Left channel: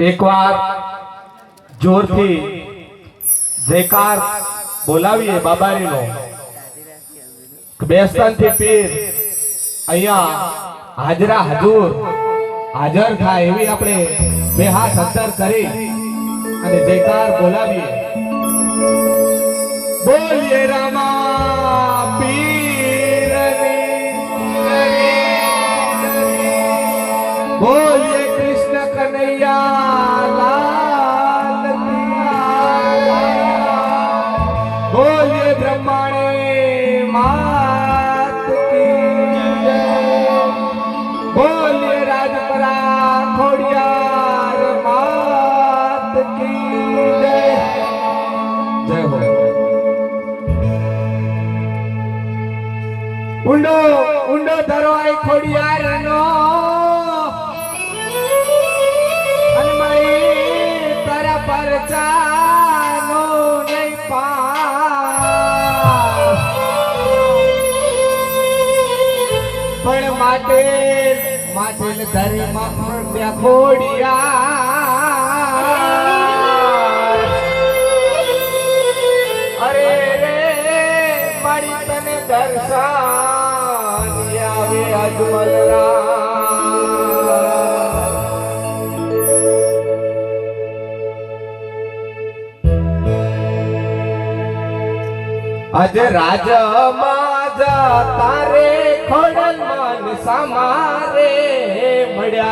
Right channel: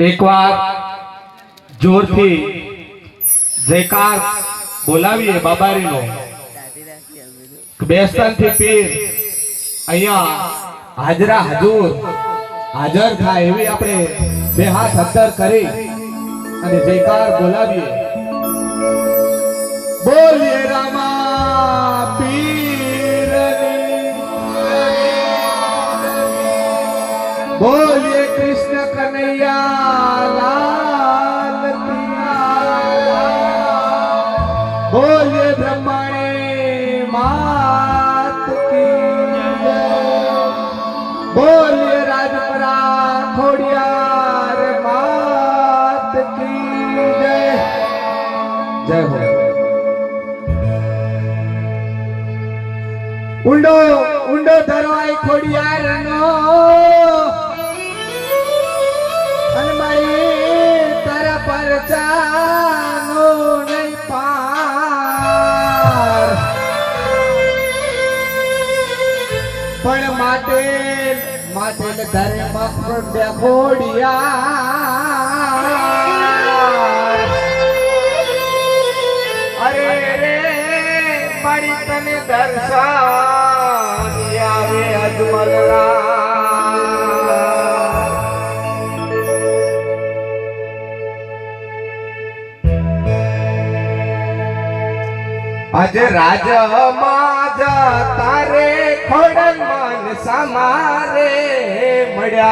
एक बार जोर थी जयकार बोलावीए बाबारीनो बेस्तान थी पीर अहिया हाजरा हजूर हाजर था एवी अपने बे हाथ अंतर करी अने जयकार बोलावीए। बोलिए रामा पीर बोलिए कृष्ण कन्हैया लाल बोलिए ब्रह्मणे मात की बोलिए राजपरा खोड़ियार मात की जय जय हो। उंडो उंडो धरो आई खोड़ियार नो हनुमाई तारा पर जानो नहीं पार पण माटे माटे धरे मफर खोड़ियार अरे रे मारी तने दर्शन आवे अजमल अज राज माज तारे खोड़न मन समारे मड्या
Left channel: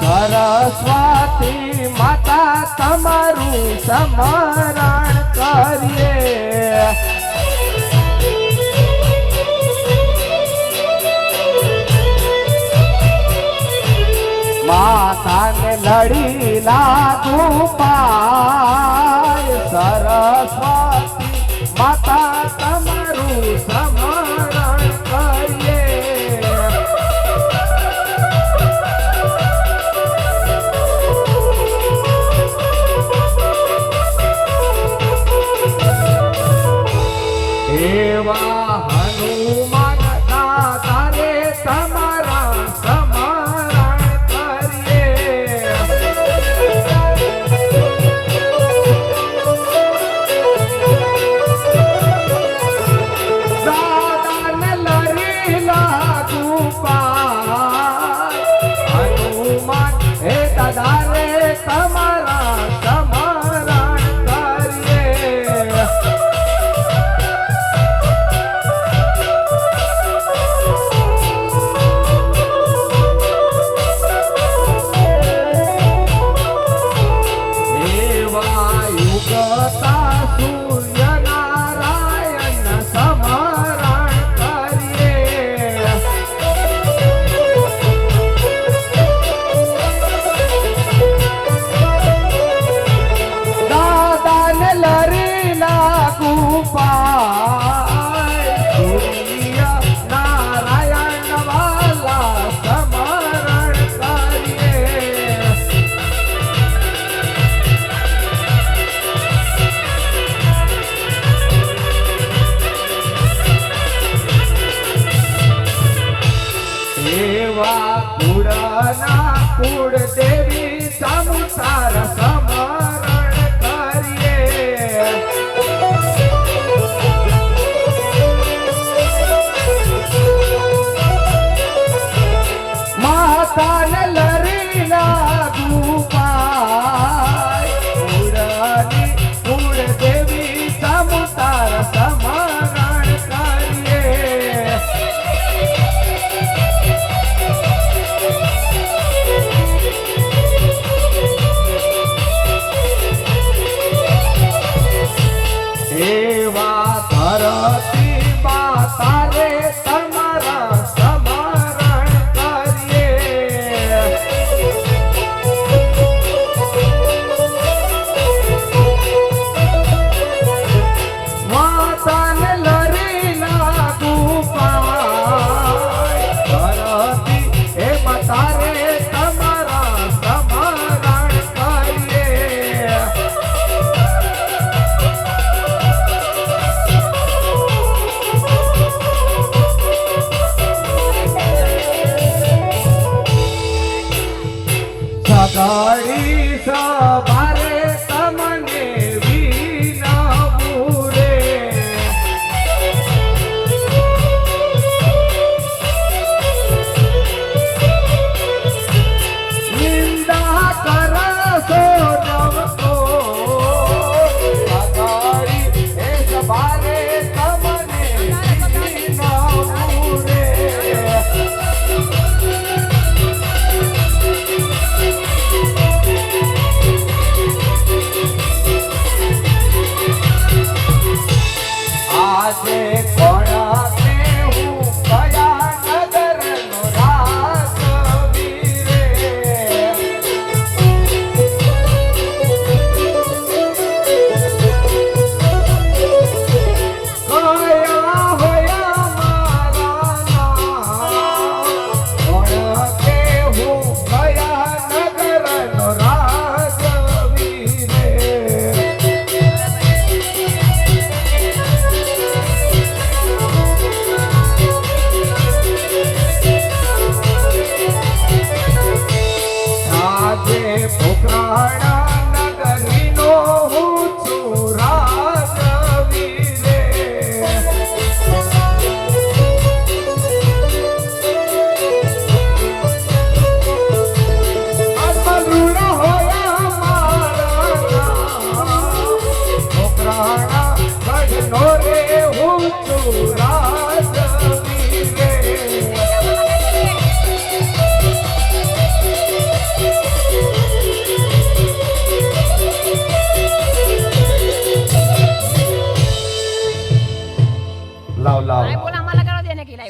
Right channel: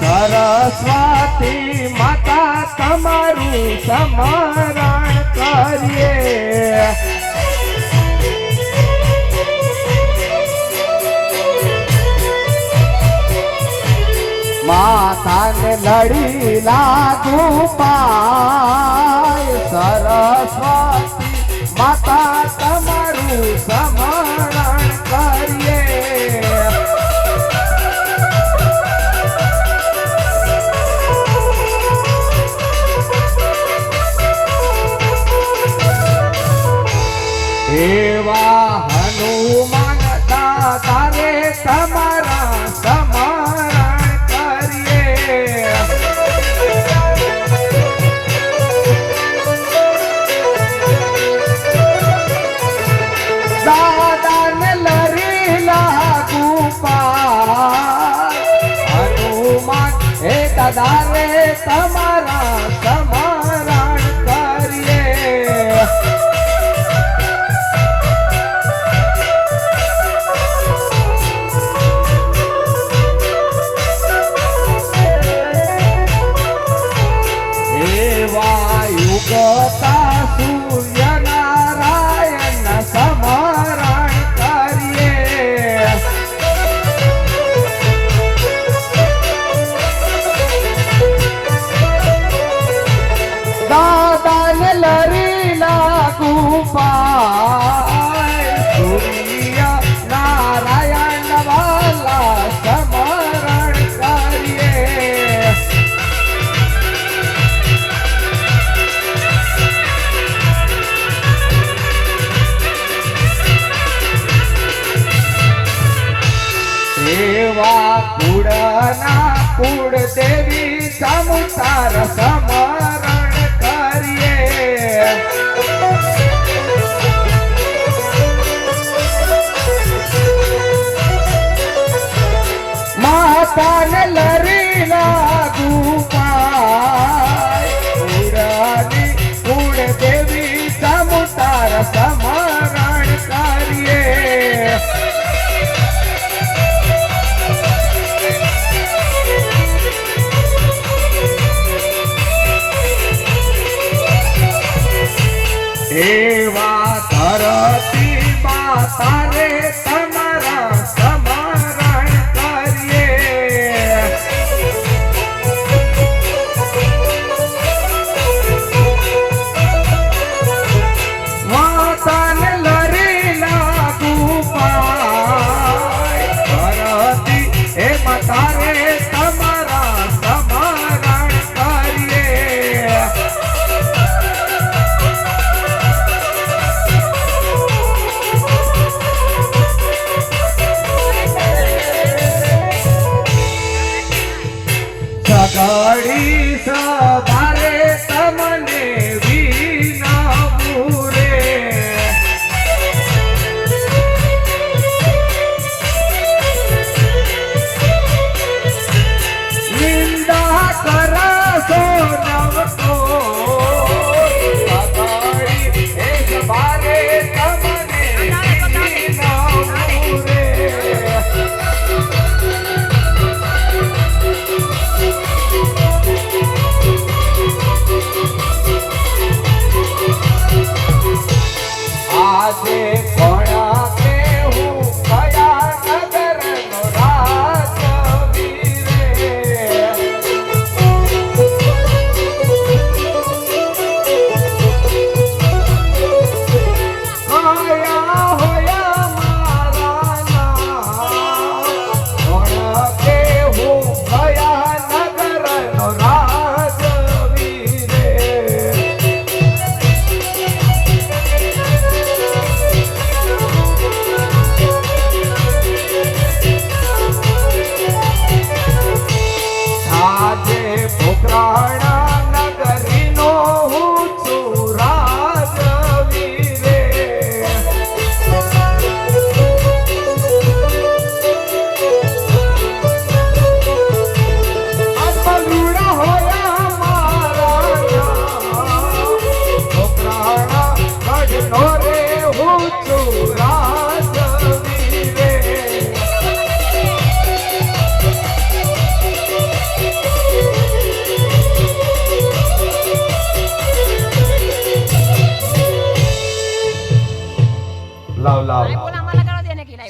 सरस्वती माता तमारू समरण करिए माता ने लड़ी लागू पाय सरस्वती माता तमारू समरण करिए।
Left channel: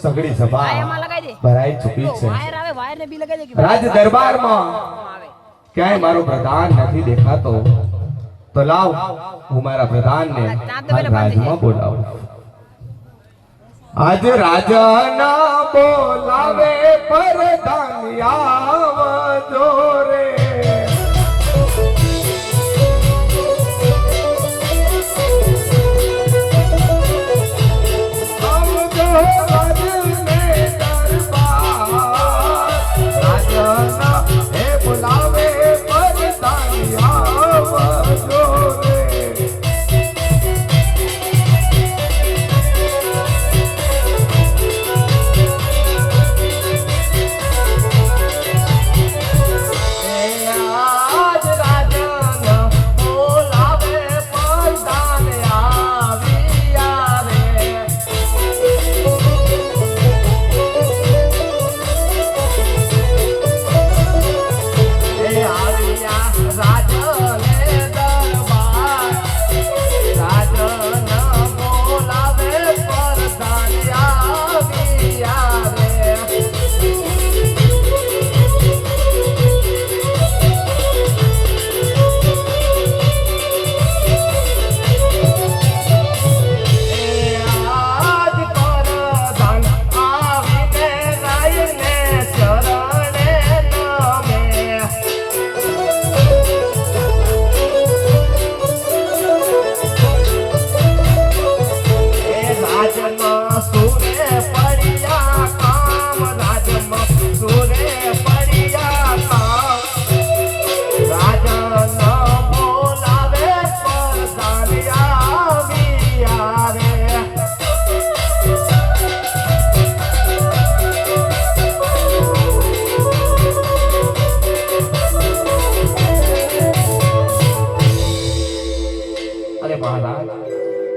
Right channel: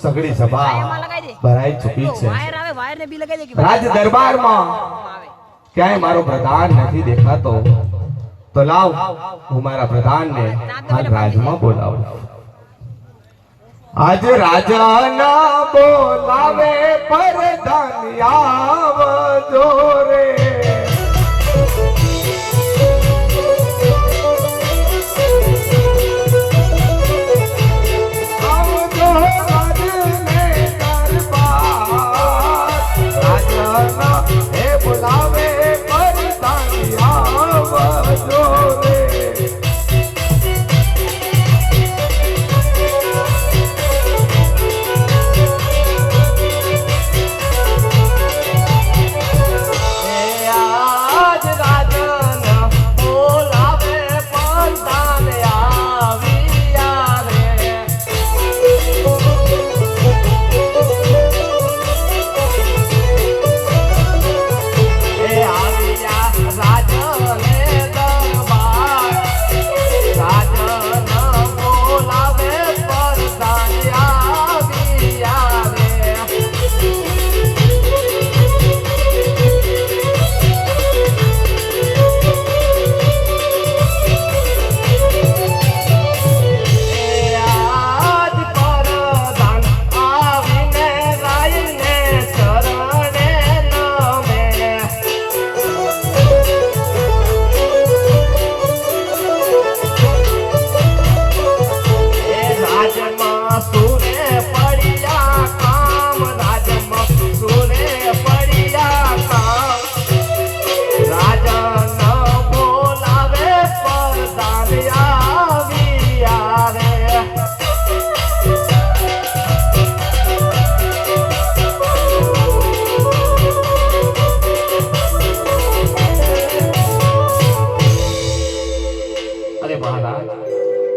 સગડી સભા એમાં લગાઈ દે ભરાઈ ચૂકી છે વાયર આવે વાયર ને બી લગાઈ દે કે રાજ દરબારમાં ક્યાંય મારો પ્રધાન નથી દેખાતો તો લાવ હું મારા પ્રધાનને હાલ રાજમાં બોલાવું આજે રાજાના બોલાવે પ્રધાન આવજો રે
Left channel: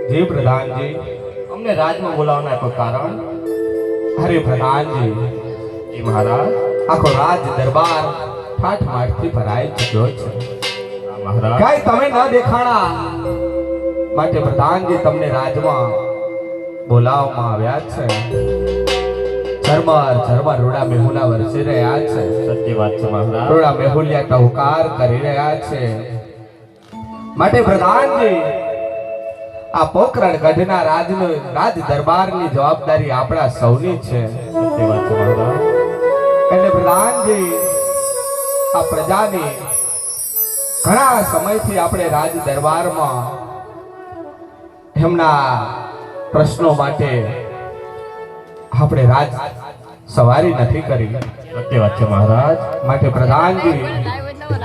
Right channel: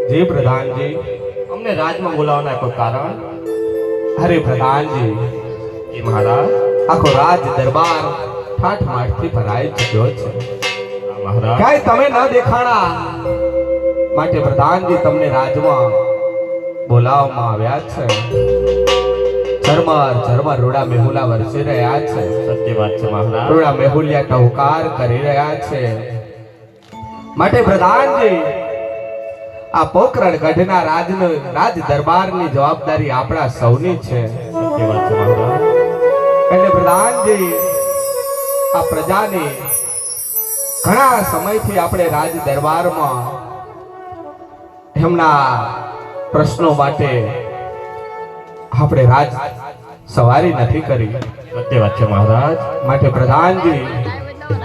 जी प्रधान जी हमने राज में बोलावना कोई कारण अरे प्रधान जी जी महाराज आखो राज दरबार ठाठ माठ થી ભરાઈ ચૂક્યો છે महाराज કાઈ તમે ન દેખાણા માટે પ્રધાનજી તમને રાજમાં બોલાવવામાં આવ્યા છે ચરમર રોડા મેહુલા વરસી રહ્યા છે सत्य बात છે महाराज રોડા મેહુલિયા ટહુકાર કરી રહ્યા છે માટે પ્રધાનજી આ પોકરણ ગઢના રાજનો રાજ દરબારની જવાબદારી આપણા સૌની છે सत्य बात છે महाराज એટલે પ્રધાનજી આ પ્રજાની ઘણા સમયથી આપણે રાજ દરબારમાં એમના પ્રશ્નો માટે આપણે રાજ સવારી નથી કરી सत्य बात છે महाराज માટે પ્રધાનજી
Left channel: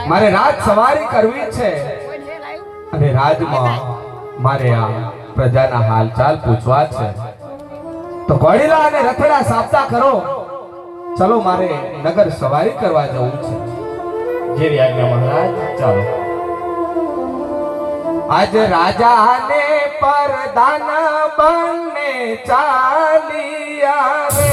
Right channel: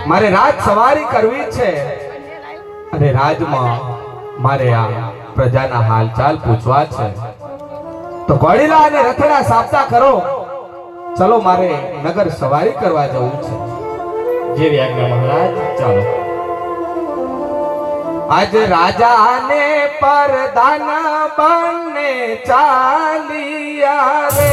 મારે રાજ સવારી કરવી છે અને રાજમાં મારે આ પ્રજાના હાલચાલ પૂછવા છે તો ઘોડીલા અને રથડા સાબતા કરો ચલો મારે નગર સવારી કરવા જવું છે જેવી આજ્ઞા महाराज ચાલો આજ રાજા ને પરદાન બંને ચાલિયા રે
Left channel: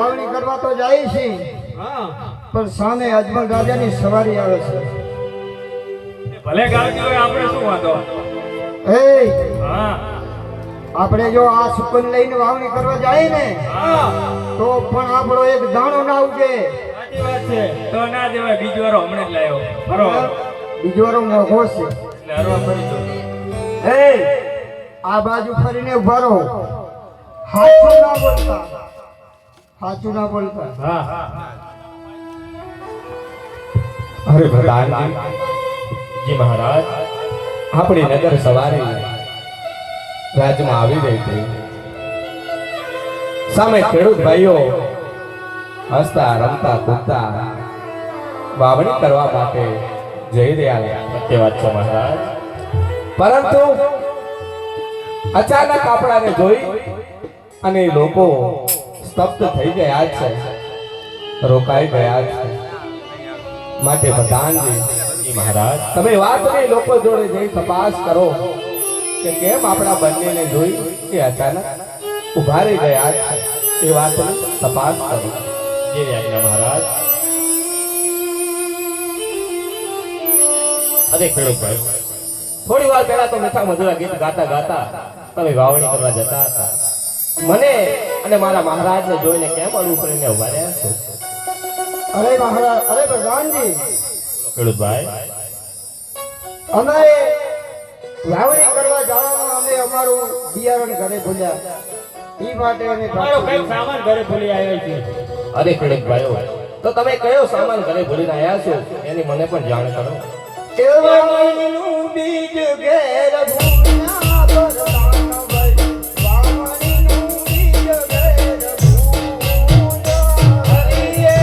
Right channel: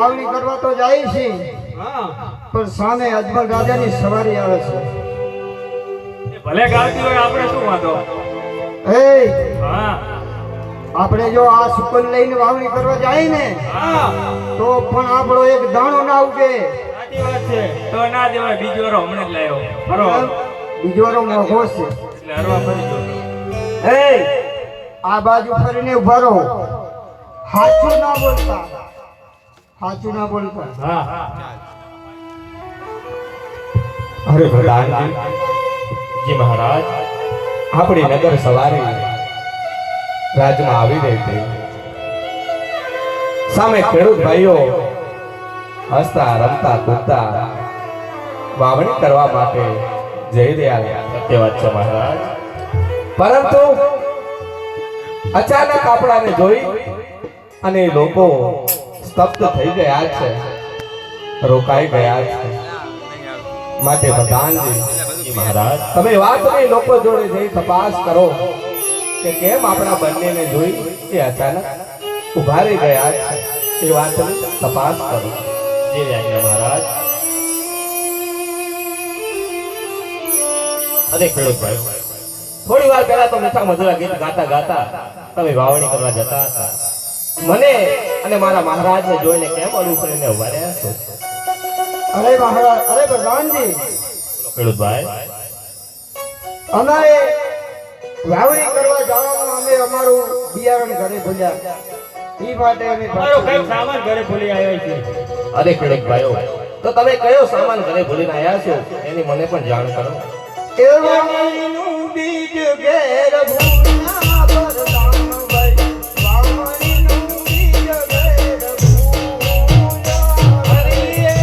વાવણી કરવા તો જાય છે, પણ સામે અજમલ રાજાની સવારી આવે છે. ભલે ગાડી હોય આપણે શું વાંધો? એ હા આપણે જો આ સુકન લઈને વાવણી કરવા જાય ને હા તો પણ આપણો એક દાણો ના ઉગે. સાચી વાત છે. તો ના દેવાય, બીજો વારો હમણાં જ લાવ્યો. ફરો બીજો રો મોઘો છે. એટલે હરવા ફરી દો. એ આ બાજુ ફરીને ઉભા રહો. સાચું ના બોલતા, સાચું ના બોલતા. હા અરે પ્રધાનજી, જી મહારાજ. આપણી નગર સવારી રાજમાં આવી રહી હતી. સામે ખેડૂત ભાઈઓ હસતા રમતા કૂદતા વાવણી કરવા માટે જઈ રહ્યા હતા. સત્ય વાત છે મહારાજ. પરંતુ અચાનક આપણાને જોઈ અને લોકો સ્તબ્ધ થઈ ગયા છે, રોકાઈ ગયા છે. માટે પ્રધાનજી, જી મહારાજ. તમે વાતની લોકો જોડે જઈ તપાસ કરો કે કેમ આપણા બંનેને જોઈ એ અચાનક ઉભા રહી ગયા છે. એ વાતની તપાસ કરો. જી આજ્ઞા મહારાજ. અરે ખેડૂત ભાઈ, થોડી વાર પહેલા તો મીઠા મધુરા ગીત ગાતા ગાતા તમે વાવણી કરવા જતા હતા. મને અને મારા મહારાજને જોઈને કેમ અડું કરીને ઉભા રહ્યા છો? અરે મહારાજ, અરે પ્રધાનજી, ખેડૂત ભાઈ, અમારે વાવણી કરવા જવામાં અમે અમારું બિયારણ ઘરે ભૂલ્યા. ઈ માટે અમે પાછું સામાન ઘરે ભૂલી આવ્યા છે. અરે ખેડૂત ભાઈઓ, તો તમે કયો સામાન ઘરે ભૂલીને આવ્યા છો એની મને પણ જાણ કરો. કેવળનું બીજ ઘેર ભૂલ્યા પ્રધાનભાઈ, વાવણીનું બીજ ઘેર ભૂલ્યા. હરિયે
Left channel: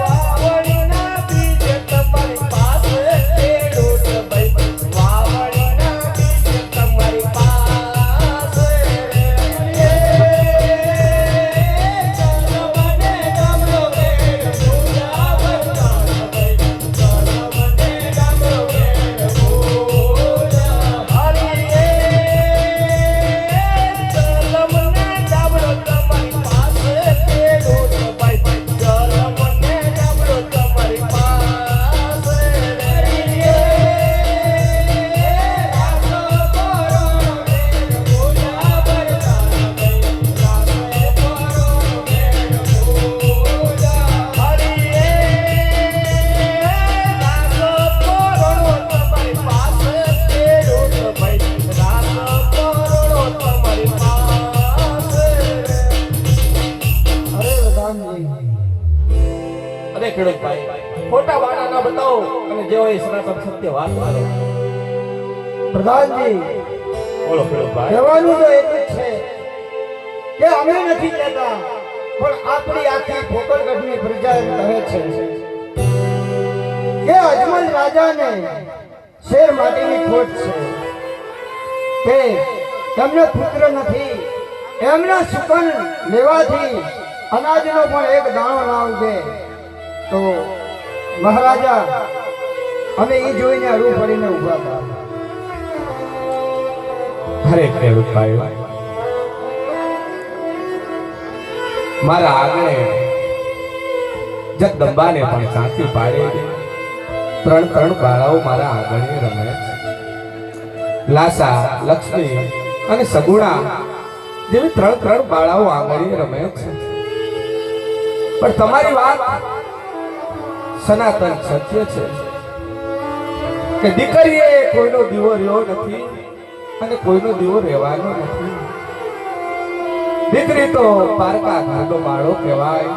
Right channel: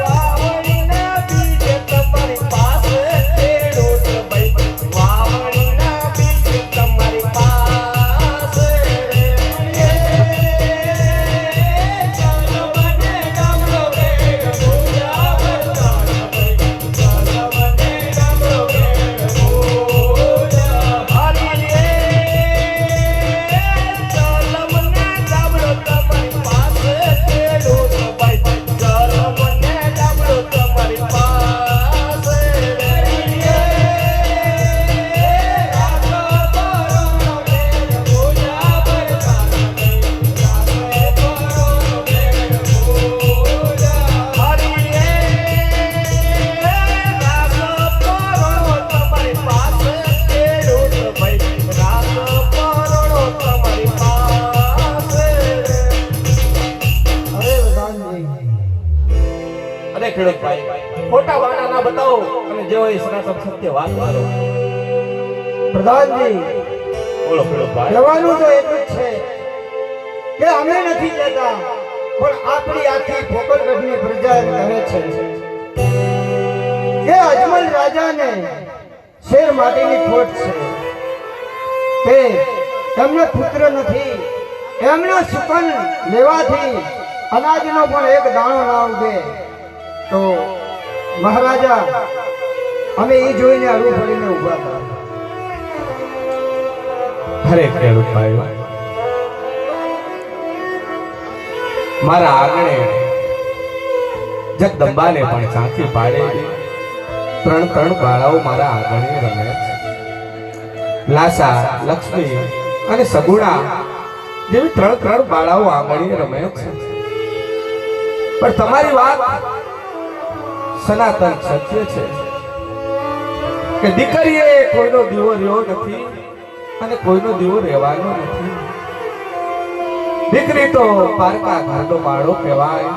વાવણીના બીજ તમારી પાસે ખેડૂત ભાઈ, વાવણીના બીજ તમારી પાસે રે. ચલમને ગામડો ઘેર ભૂલ્યા પ્રધાનભાઈ, ચલમને ગામડો ઘેર ભૂલ્યા. હરિયે ચલમને ગામડો તમારી પાસે ખેડૂત ભાઈ, ચલમને ગામડો તમારી પાસે રે. અરે ખેડૂત ભાઈ, ખોટા બહાના ના બતાવો અને જેવો એ સનાતન સત્ય વાત કરો. પ્રધાનજી, બોલો ખેડૂત ભાઈ. કહેવાનું તો એટલું જ છે કે અમે નથી કહેતા, પણ આપણી આખી ફોકરગઢની પ્રજા એમ કહે છે કે અજમલ રાજાને શેર માટેની ખોટ છે, કે એમનો પુત્ર નથી. એમનો સુકન લેવાથી અનાજનો પણ એક દાણો ના ઉગે. તો મહારાજા, અમે એ જોઈને અડું પડીને ઉભા હતા. અરે ખેડૂત ભાઈ, મારા આંગણે જગદંબાને પણ ઝાંખી પાડે. ત્રણ બાળાઓ મારા આંગણે રમે છે. લાસા, લક્ષ્મી અને સગુણા જેવી ત્રણ બાળાઓ આંગણે રમે છે. પણ તમારી વાત સનાતન સત્ય છે કે દીકરીએ કોઈનો દીવો રહ્યો નથી અને કોઈનો દીવો રહેવાનો નથી. દીકરી તો પારકા ઘરનો માળો કહેવાય.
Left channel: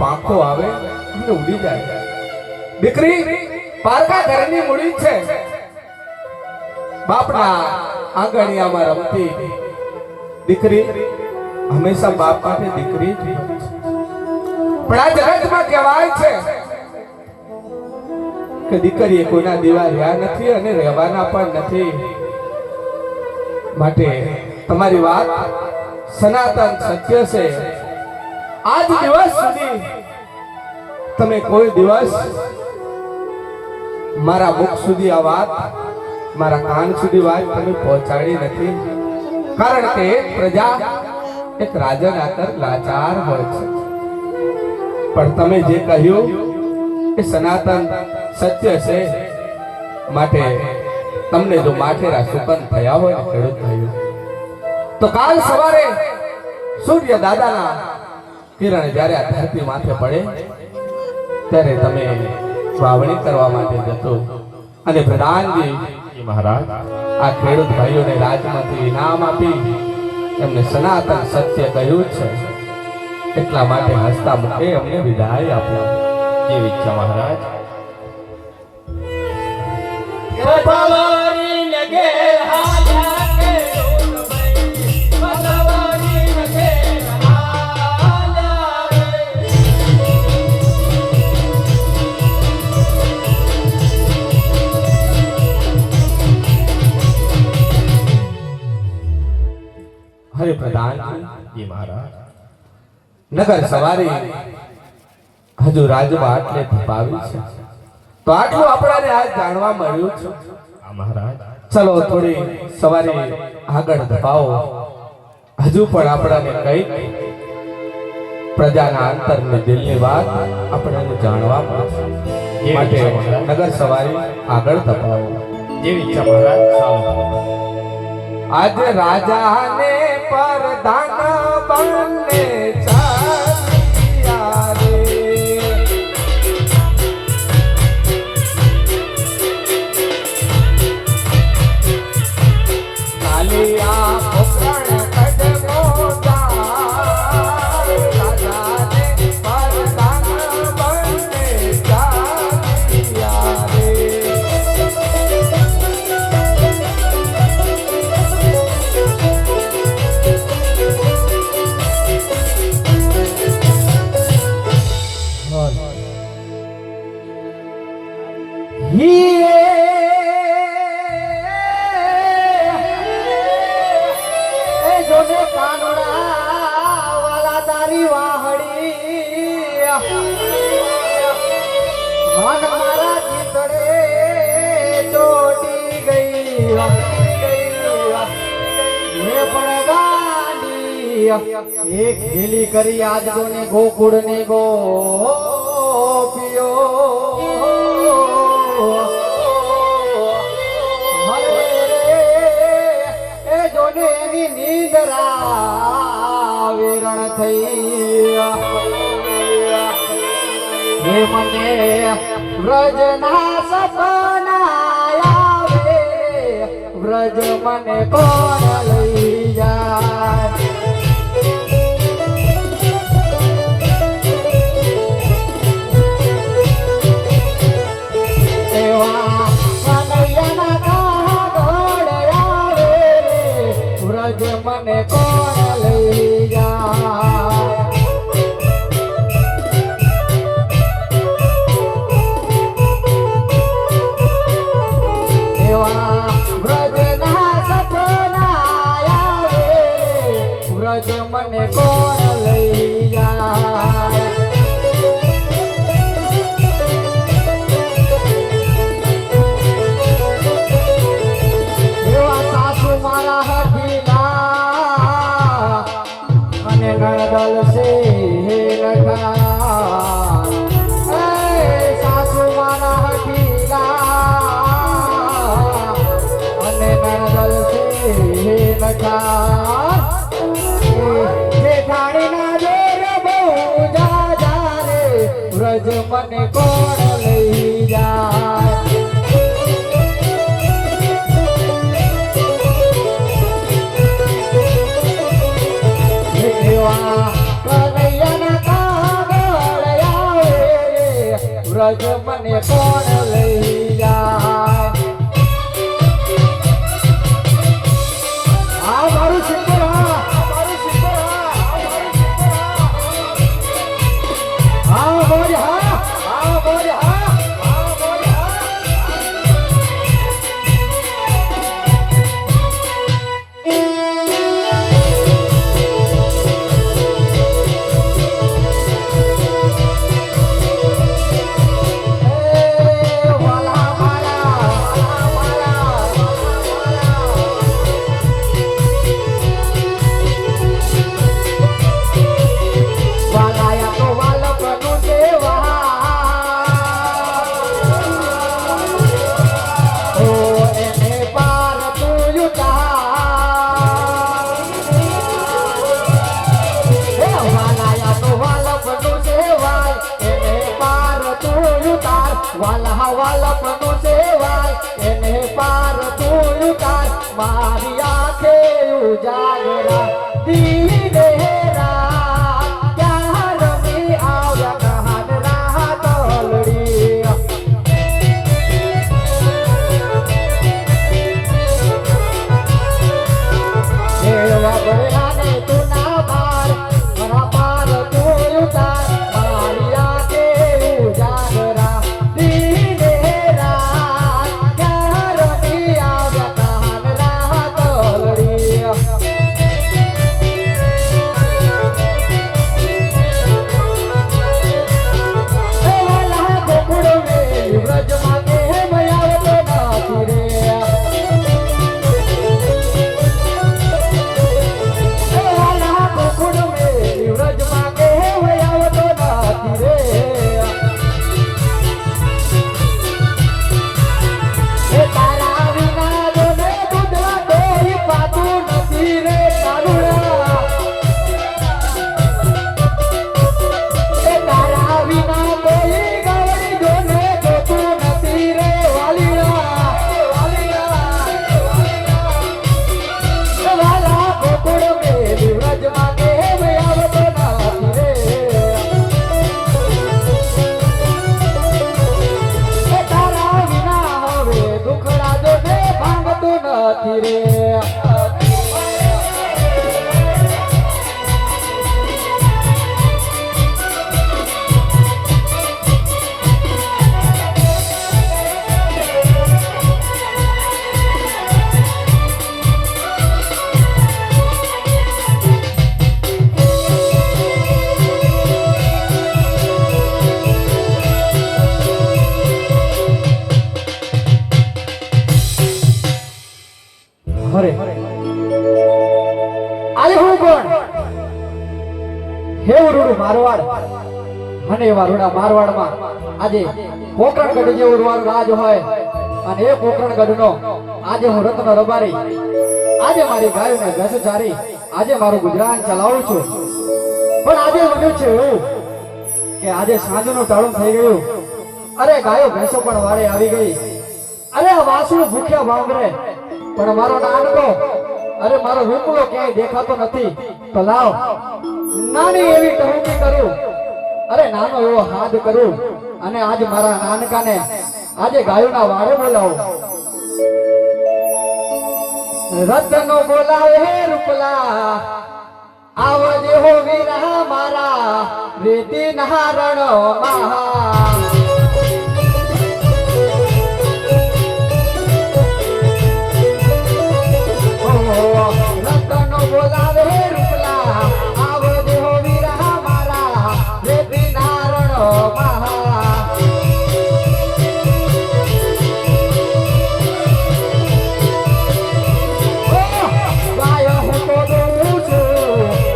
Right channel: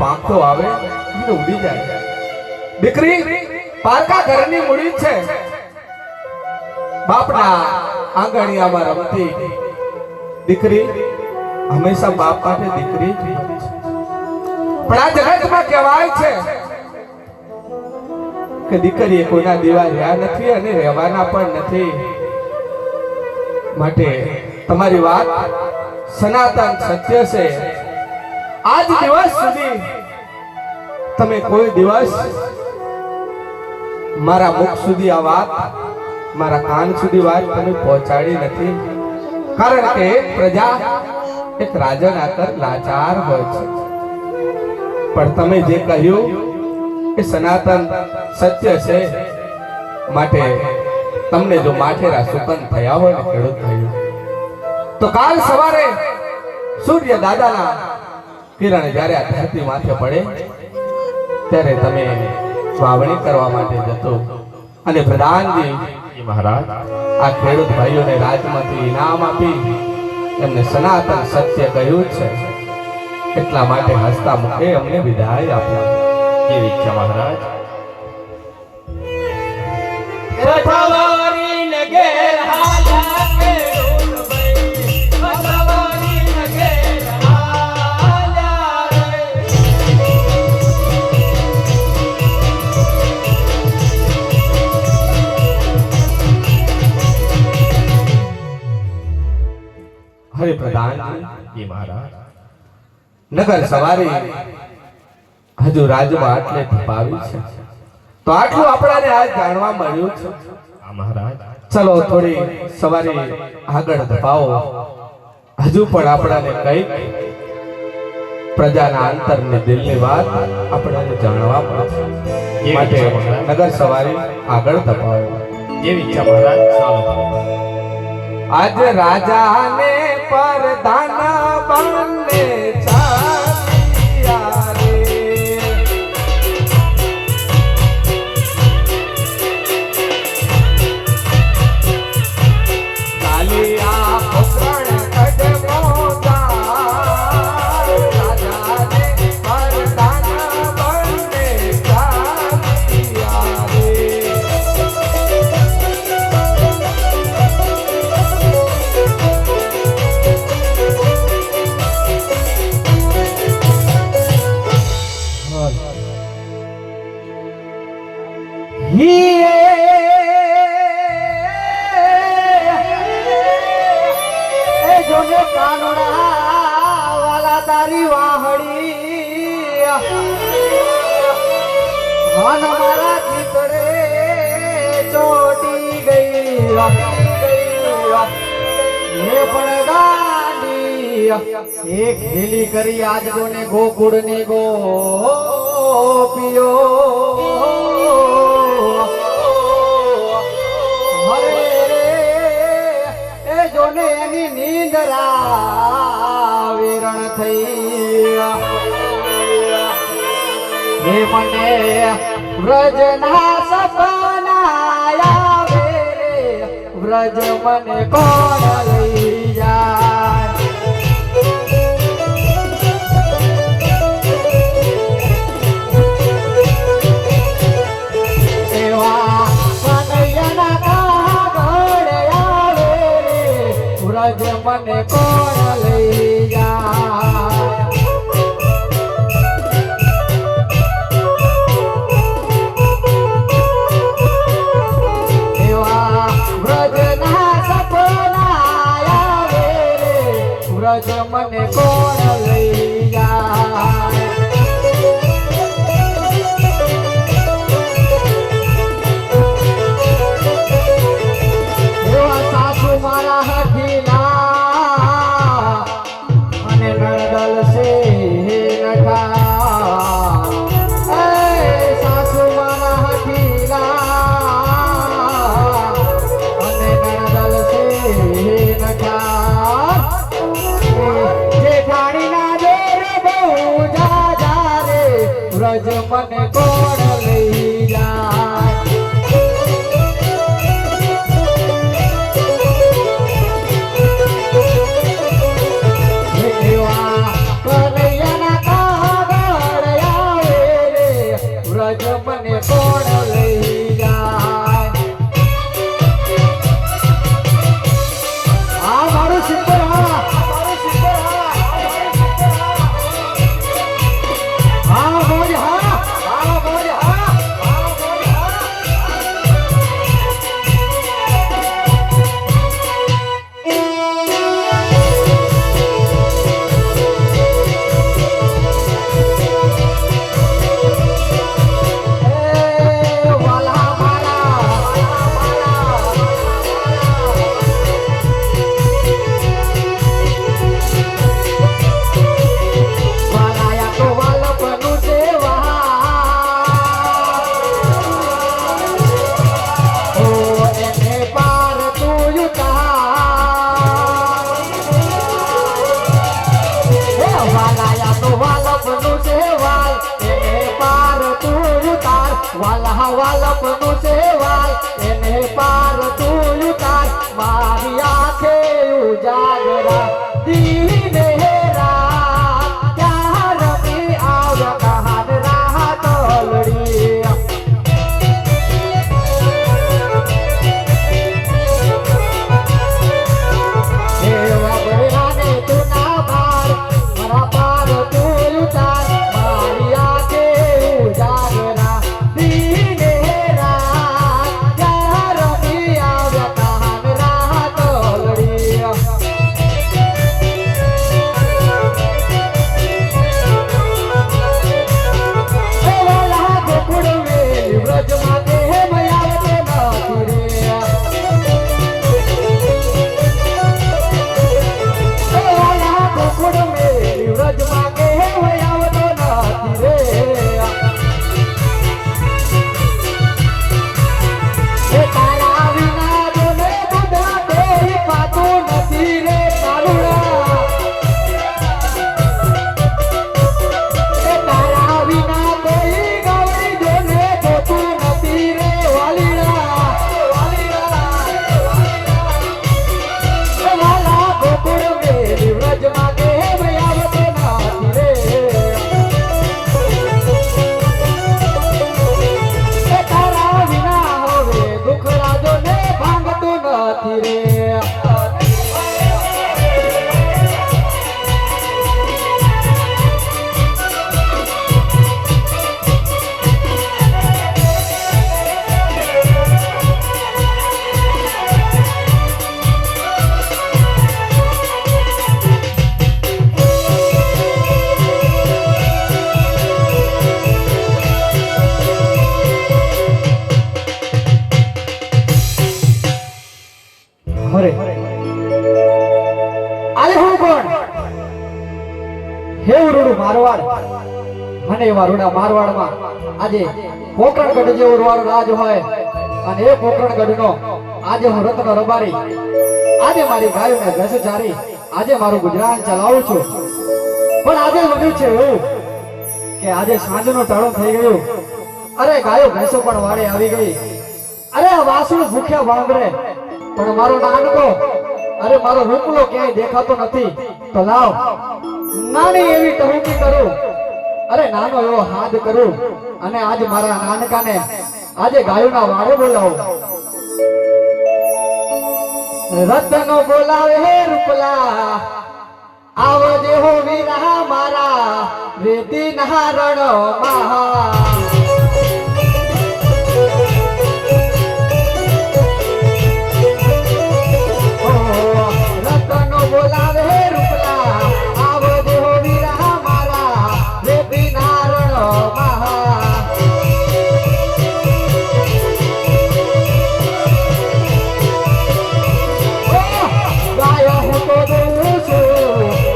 પાંખો આવે અને ઉડી જાય. દીકરી પારકા ઘરની મૂડી છે. બાપના આંગણિયામાં રમતી દીકરી હંમેશા બાપ માટે દીકરી જ હોય છે. પણ આ જગતમાં કહેવાય છે કે દીકરીએ કોઈના દીવા રહ્યા નથી અને રહેવાના પણ નથી. માટે તમારી વાત સનાતન સત્ય છે. આજ દિવસ સુધી તમે કોઈ દિવસ મારા મુખ સુધી આ વાત, મારા કાન સુધી વાત તમે પહોંચાડી નથી. કારણ કે એક પ્રજા એક રાજન આકર લાચાર હોય છે, પણ તમે જે કહ્યું એ સનાતન સત્ય છે. માટે તમને જો માઠેરા સુકન થયા હોય ને ખેડૂત થયું તો કાલ સવારે સૂર્ય દાદાના કિરણ જ્યારે આ ધરતી માથે પડે ત્યારે તમે વાવણી કરવા માટે જતો અને પ્રધાનજી મહારાજ આ ખેડૂત ભાઈઓને રાજમાંથી ઇનામ આપી એમને સનાતન સત્ય કહ્યું છે, એટલા માટે હસતા મુખે અમને વિદાય આપ્યો. જેવી ઈચ્છા મહારાજ. હરે પ્રધાન જી મહારાજ. નગર સવારી હજુ રાજમાં આટલે ધપાવી છે, તો આટલું આપણાને આજ જાણવા મળ્યું છે. આ મહારાજ ચલો થોડી સવારી આગળ ધપાવો, હજુ પણ આપણાને કઈક પ્રજાના અંતરની દિલની વાત આપણાને જાણવા મળશે. માટે નગર સવારી આગળ ધપાવો. જેવી ઈચ્છા મહારાજ. ચાલો. આજ રાજાને પરધાન બને ચાલિયા રે, ચાલિયા પોકરણ કદમો જાય, રાજાને પરધાન બને ચાલિયા રે. જોને કાનોડા વાલા તારી વાહડી મન મારા ચિતડે ચોટી ગઈ એ પણ ગાડી એક ઢીલી કરી આજ જોને ગોકુળની ગોપીઓ એની નીંદરા વિરણ થઈ હે મને વ્રજના સપના આવે વ્રજ મને કોણ લઈ જાય એવા કનૈયાના કાગળ આવે વ્રજ મને કોણ લઈ જાય એવા વ્રજના સપના આવે વ્રજ મને કોણ લઈ જાય એવા સાસુ મારા હઠીલા અને નણદલ છે નઠા એ સાસુ મારા હઠીલા અને નણદલ છે નઠા જેઠાણીના જોર બહુ ઉજાગરા દીને રાત ત્યાં રમી આવ્યા કહાન રાત ઓલડી મારવાડ અને એવા રૂડા મારવાડમાં આજે પોકરણગઢ જેવો રૂવારો રાજ હોય અને એ પોકરણગઢનો આજે હું રત્ન રબારી આજે મારી ગાયોને ભેંસો ચારી આજે મારું ગુજરાન ચલાવું છું પણ આજે બન્યું છે એવું કે આજે સાંજનું ટાળું થઈ ગયું અરે ગાયો ભેંસો પણ વાડે આવી ગઈ અરે આ વાસણું ભૂખ્યા વાંભરે પણ મારો નાનકો અરે મારો રૂપલો ક્યાંય દેખાતો નથી તો લાવ નાની એવી ટહુકી કરું અરે નાનો એવો હાથ કરું અને આજ મારા નાનકાને આજે ગાયોના વાડે બોલાવું રતનો બોલાવે હે રૂપલા આવો દેહો વીરા મારા રેતી નહારણ મહા બોલાવે હે રૂપલા આવો દેહો વીરા મારા રેતી નારણ મહા ગાય હું તો જોઉં છું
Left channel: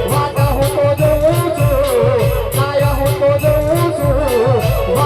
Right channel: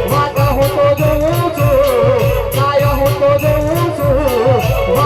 વાદ હું તો જોઉં છું ગાય હું તો જોઉં છું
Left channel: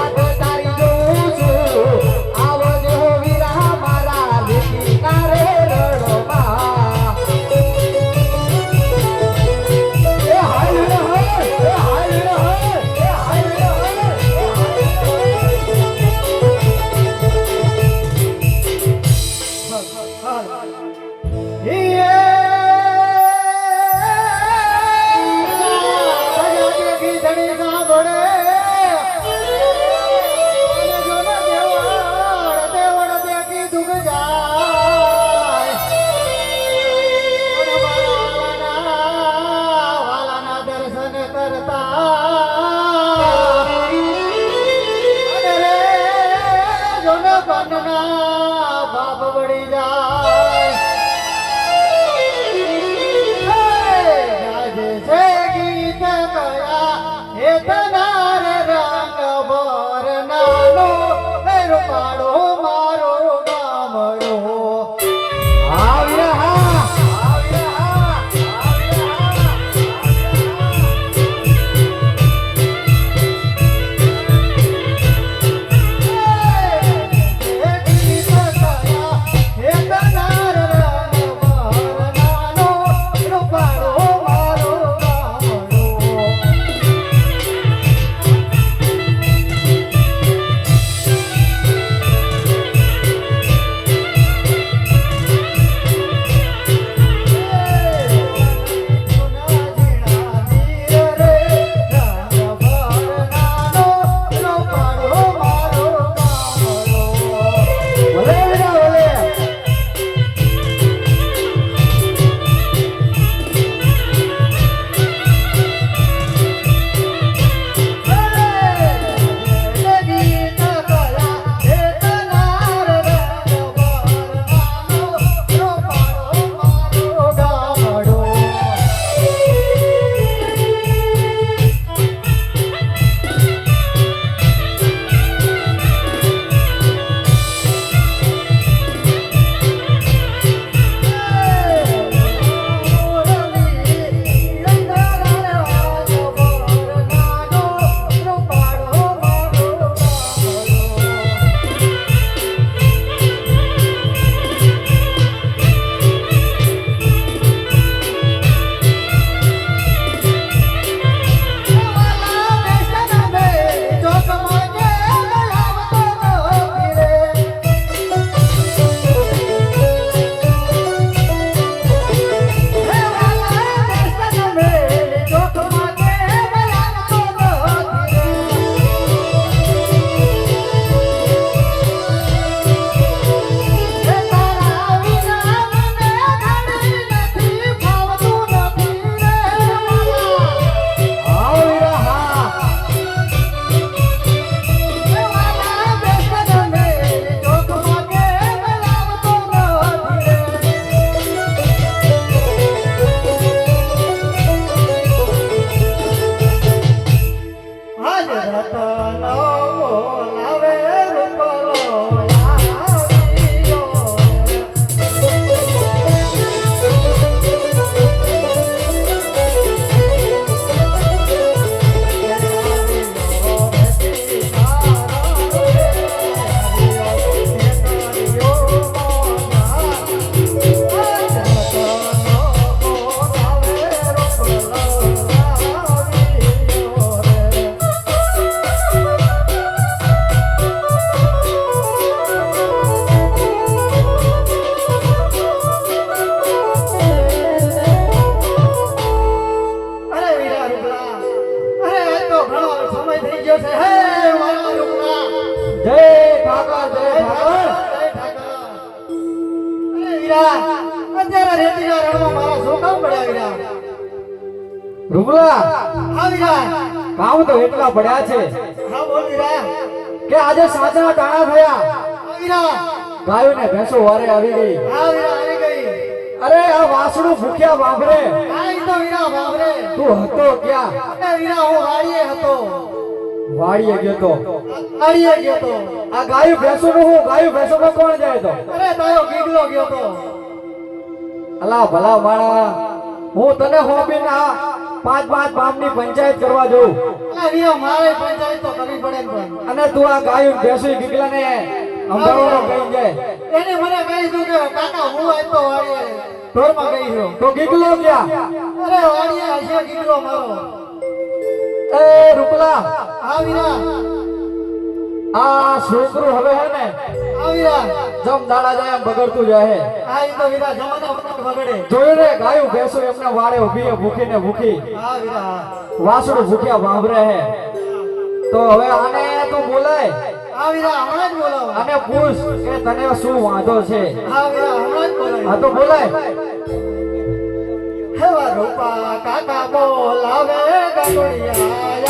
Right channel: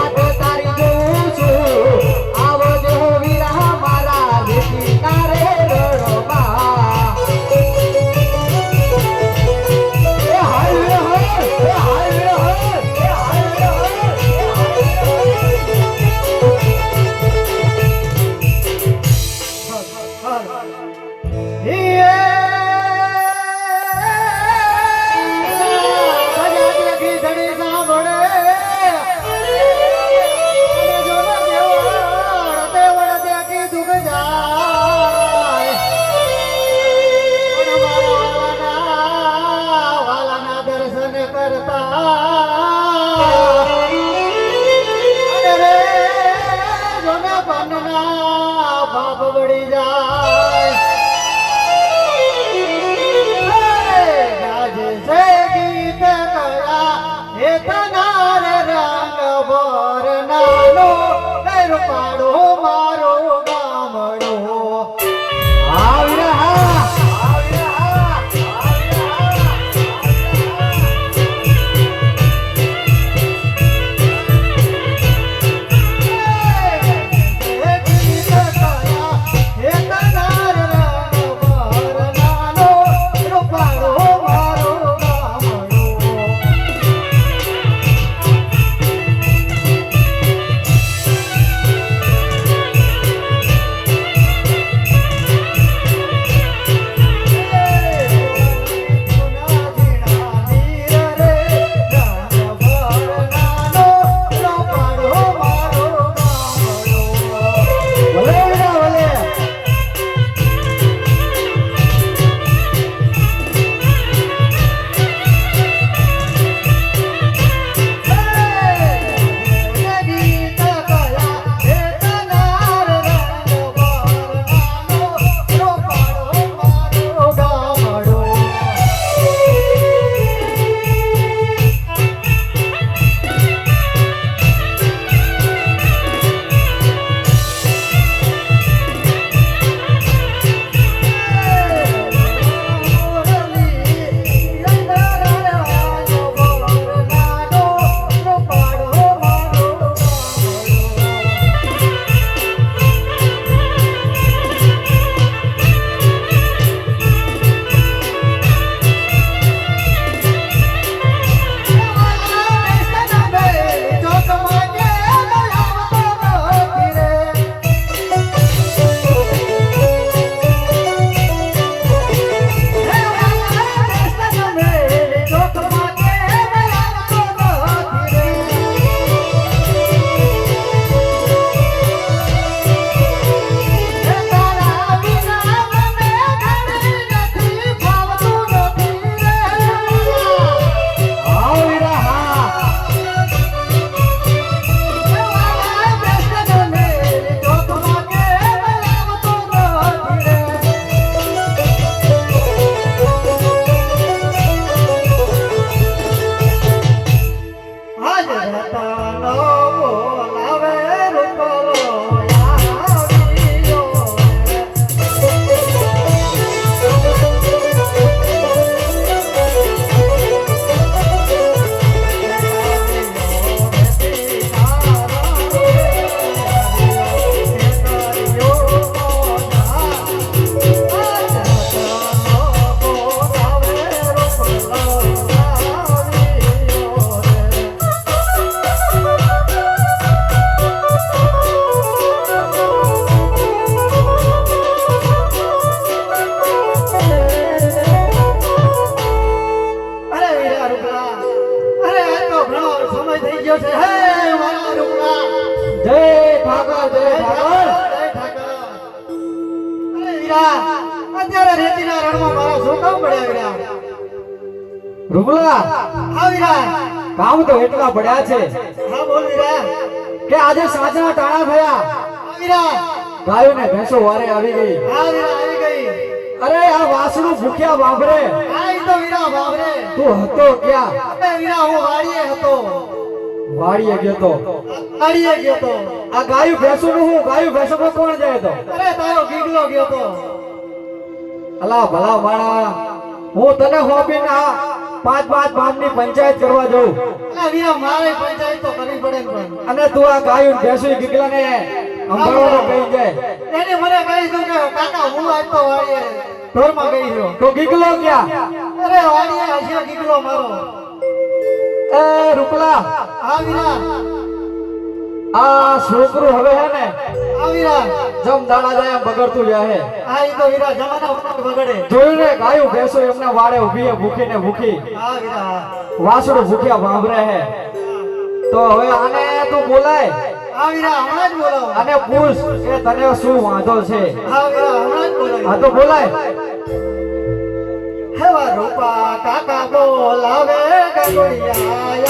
વીરા રૂપલા હા વીરા કામ તો એટલા પડ્યા છે હા બોલ વીરા કે આજે સાંજના ટાણા થયા હા વીરા ગાયો ને ભેંસો વારે આવી ગઈ હા વીરા આવી ગઈ અરે આ વાસણું ભૂખ્યા બાબરે હા ઈ તો વીરા બાપરે તું હતો ક્યાં એ વીરા હું વાડીએ હતો વાડીએ ગયો તો વાડીએ ગયો તો આ ગાયું ભેંસો નું હું ગાયું ભેંસો માં કોણ જાય તો અરે તારો ગીગલો ગયો તો અલા ભલા માણા હું તને હોપીને આ પાંચ ગામની પંચાયત કરવા જઉં અલા વીરા મારે પંચાયત તો કરવી પડે ને પણ અને તું આ ગાયું ભેંસો ગીગલા ને અંબાડો કહી જાય એને મને કહી દીધું કે કાકા હું આજ તો વાડીએ ઢોરમાં ગઈ છું તો ગીગલો ક્યાં અરે વાડીએ હશે ગીગલો મારો એ રૂપલા હા વીરા આ છોકરું હવે હે ને હા વીરા જમ દાડા જાય એમ બગડતું જાય હે હા ઈ તો વીરા જમાના બગડે જોયું ને ગાયું ભેંસો એમને વાડે ઊભી હે ભૂખી ને ભૂખી હા વીરા વાસણું ભૂખ્યા ભાંભરે હે તો હવે આને તું બોલાય હા વીરા હમણાં જ બોલાવો અને પૂછ કે તને શું વાંધો છે હા વીરા હમણાં જ બોલાવો આ તો બોલાય હેવા રૂપા કાકા બોલાવે ગગોડિયા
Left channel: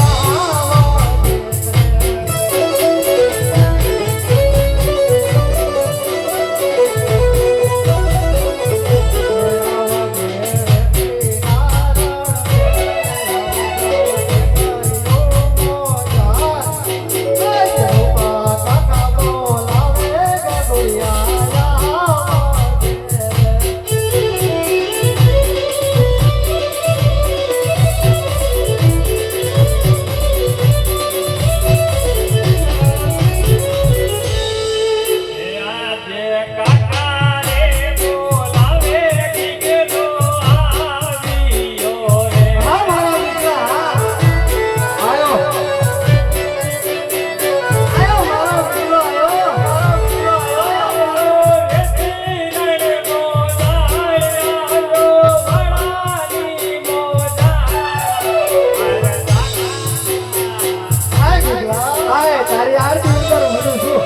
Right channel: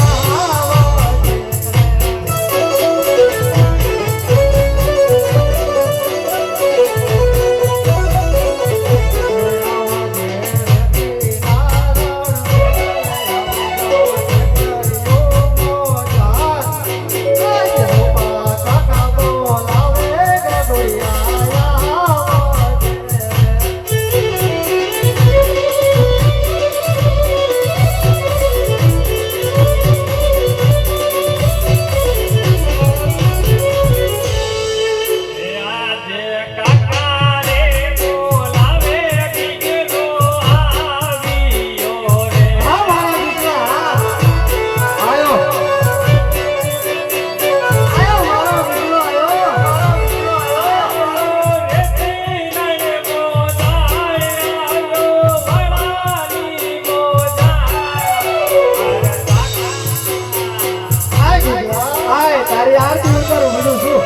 તારી આરતી ઉતારું બધું શું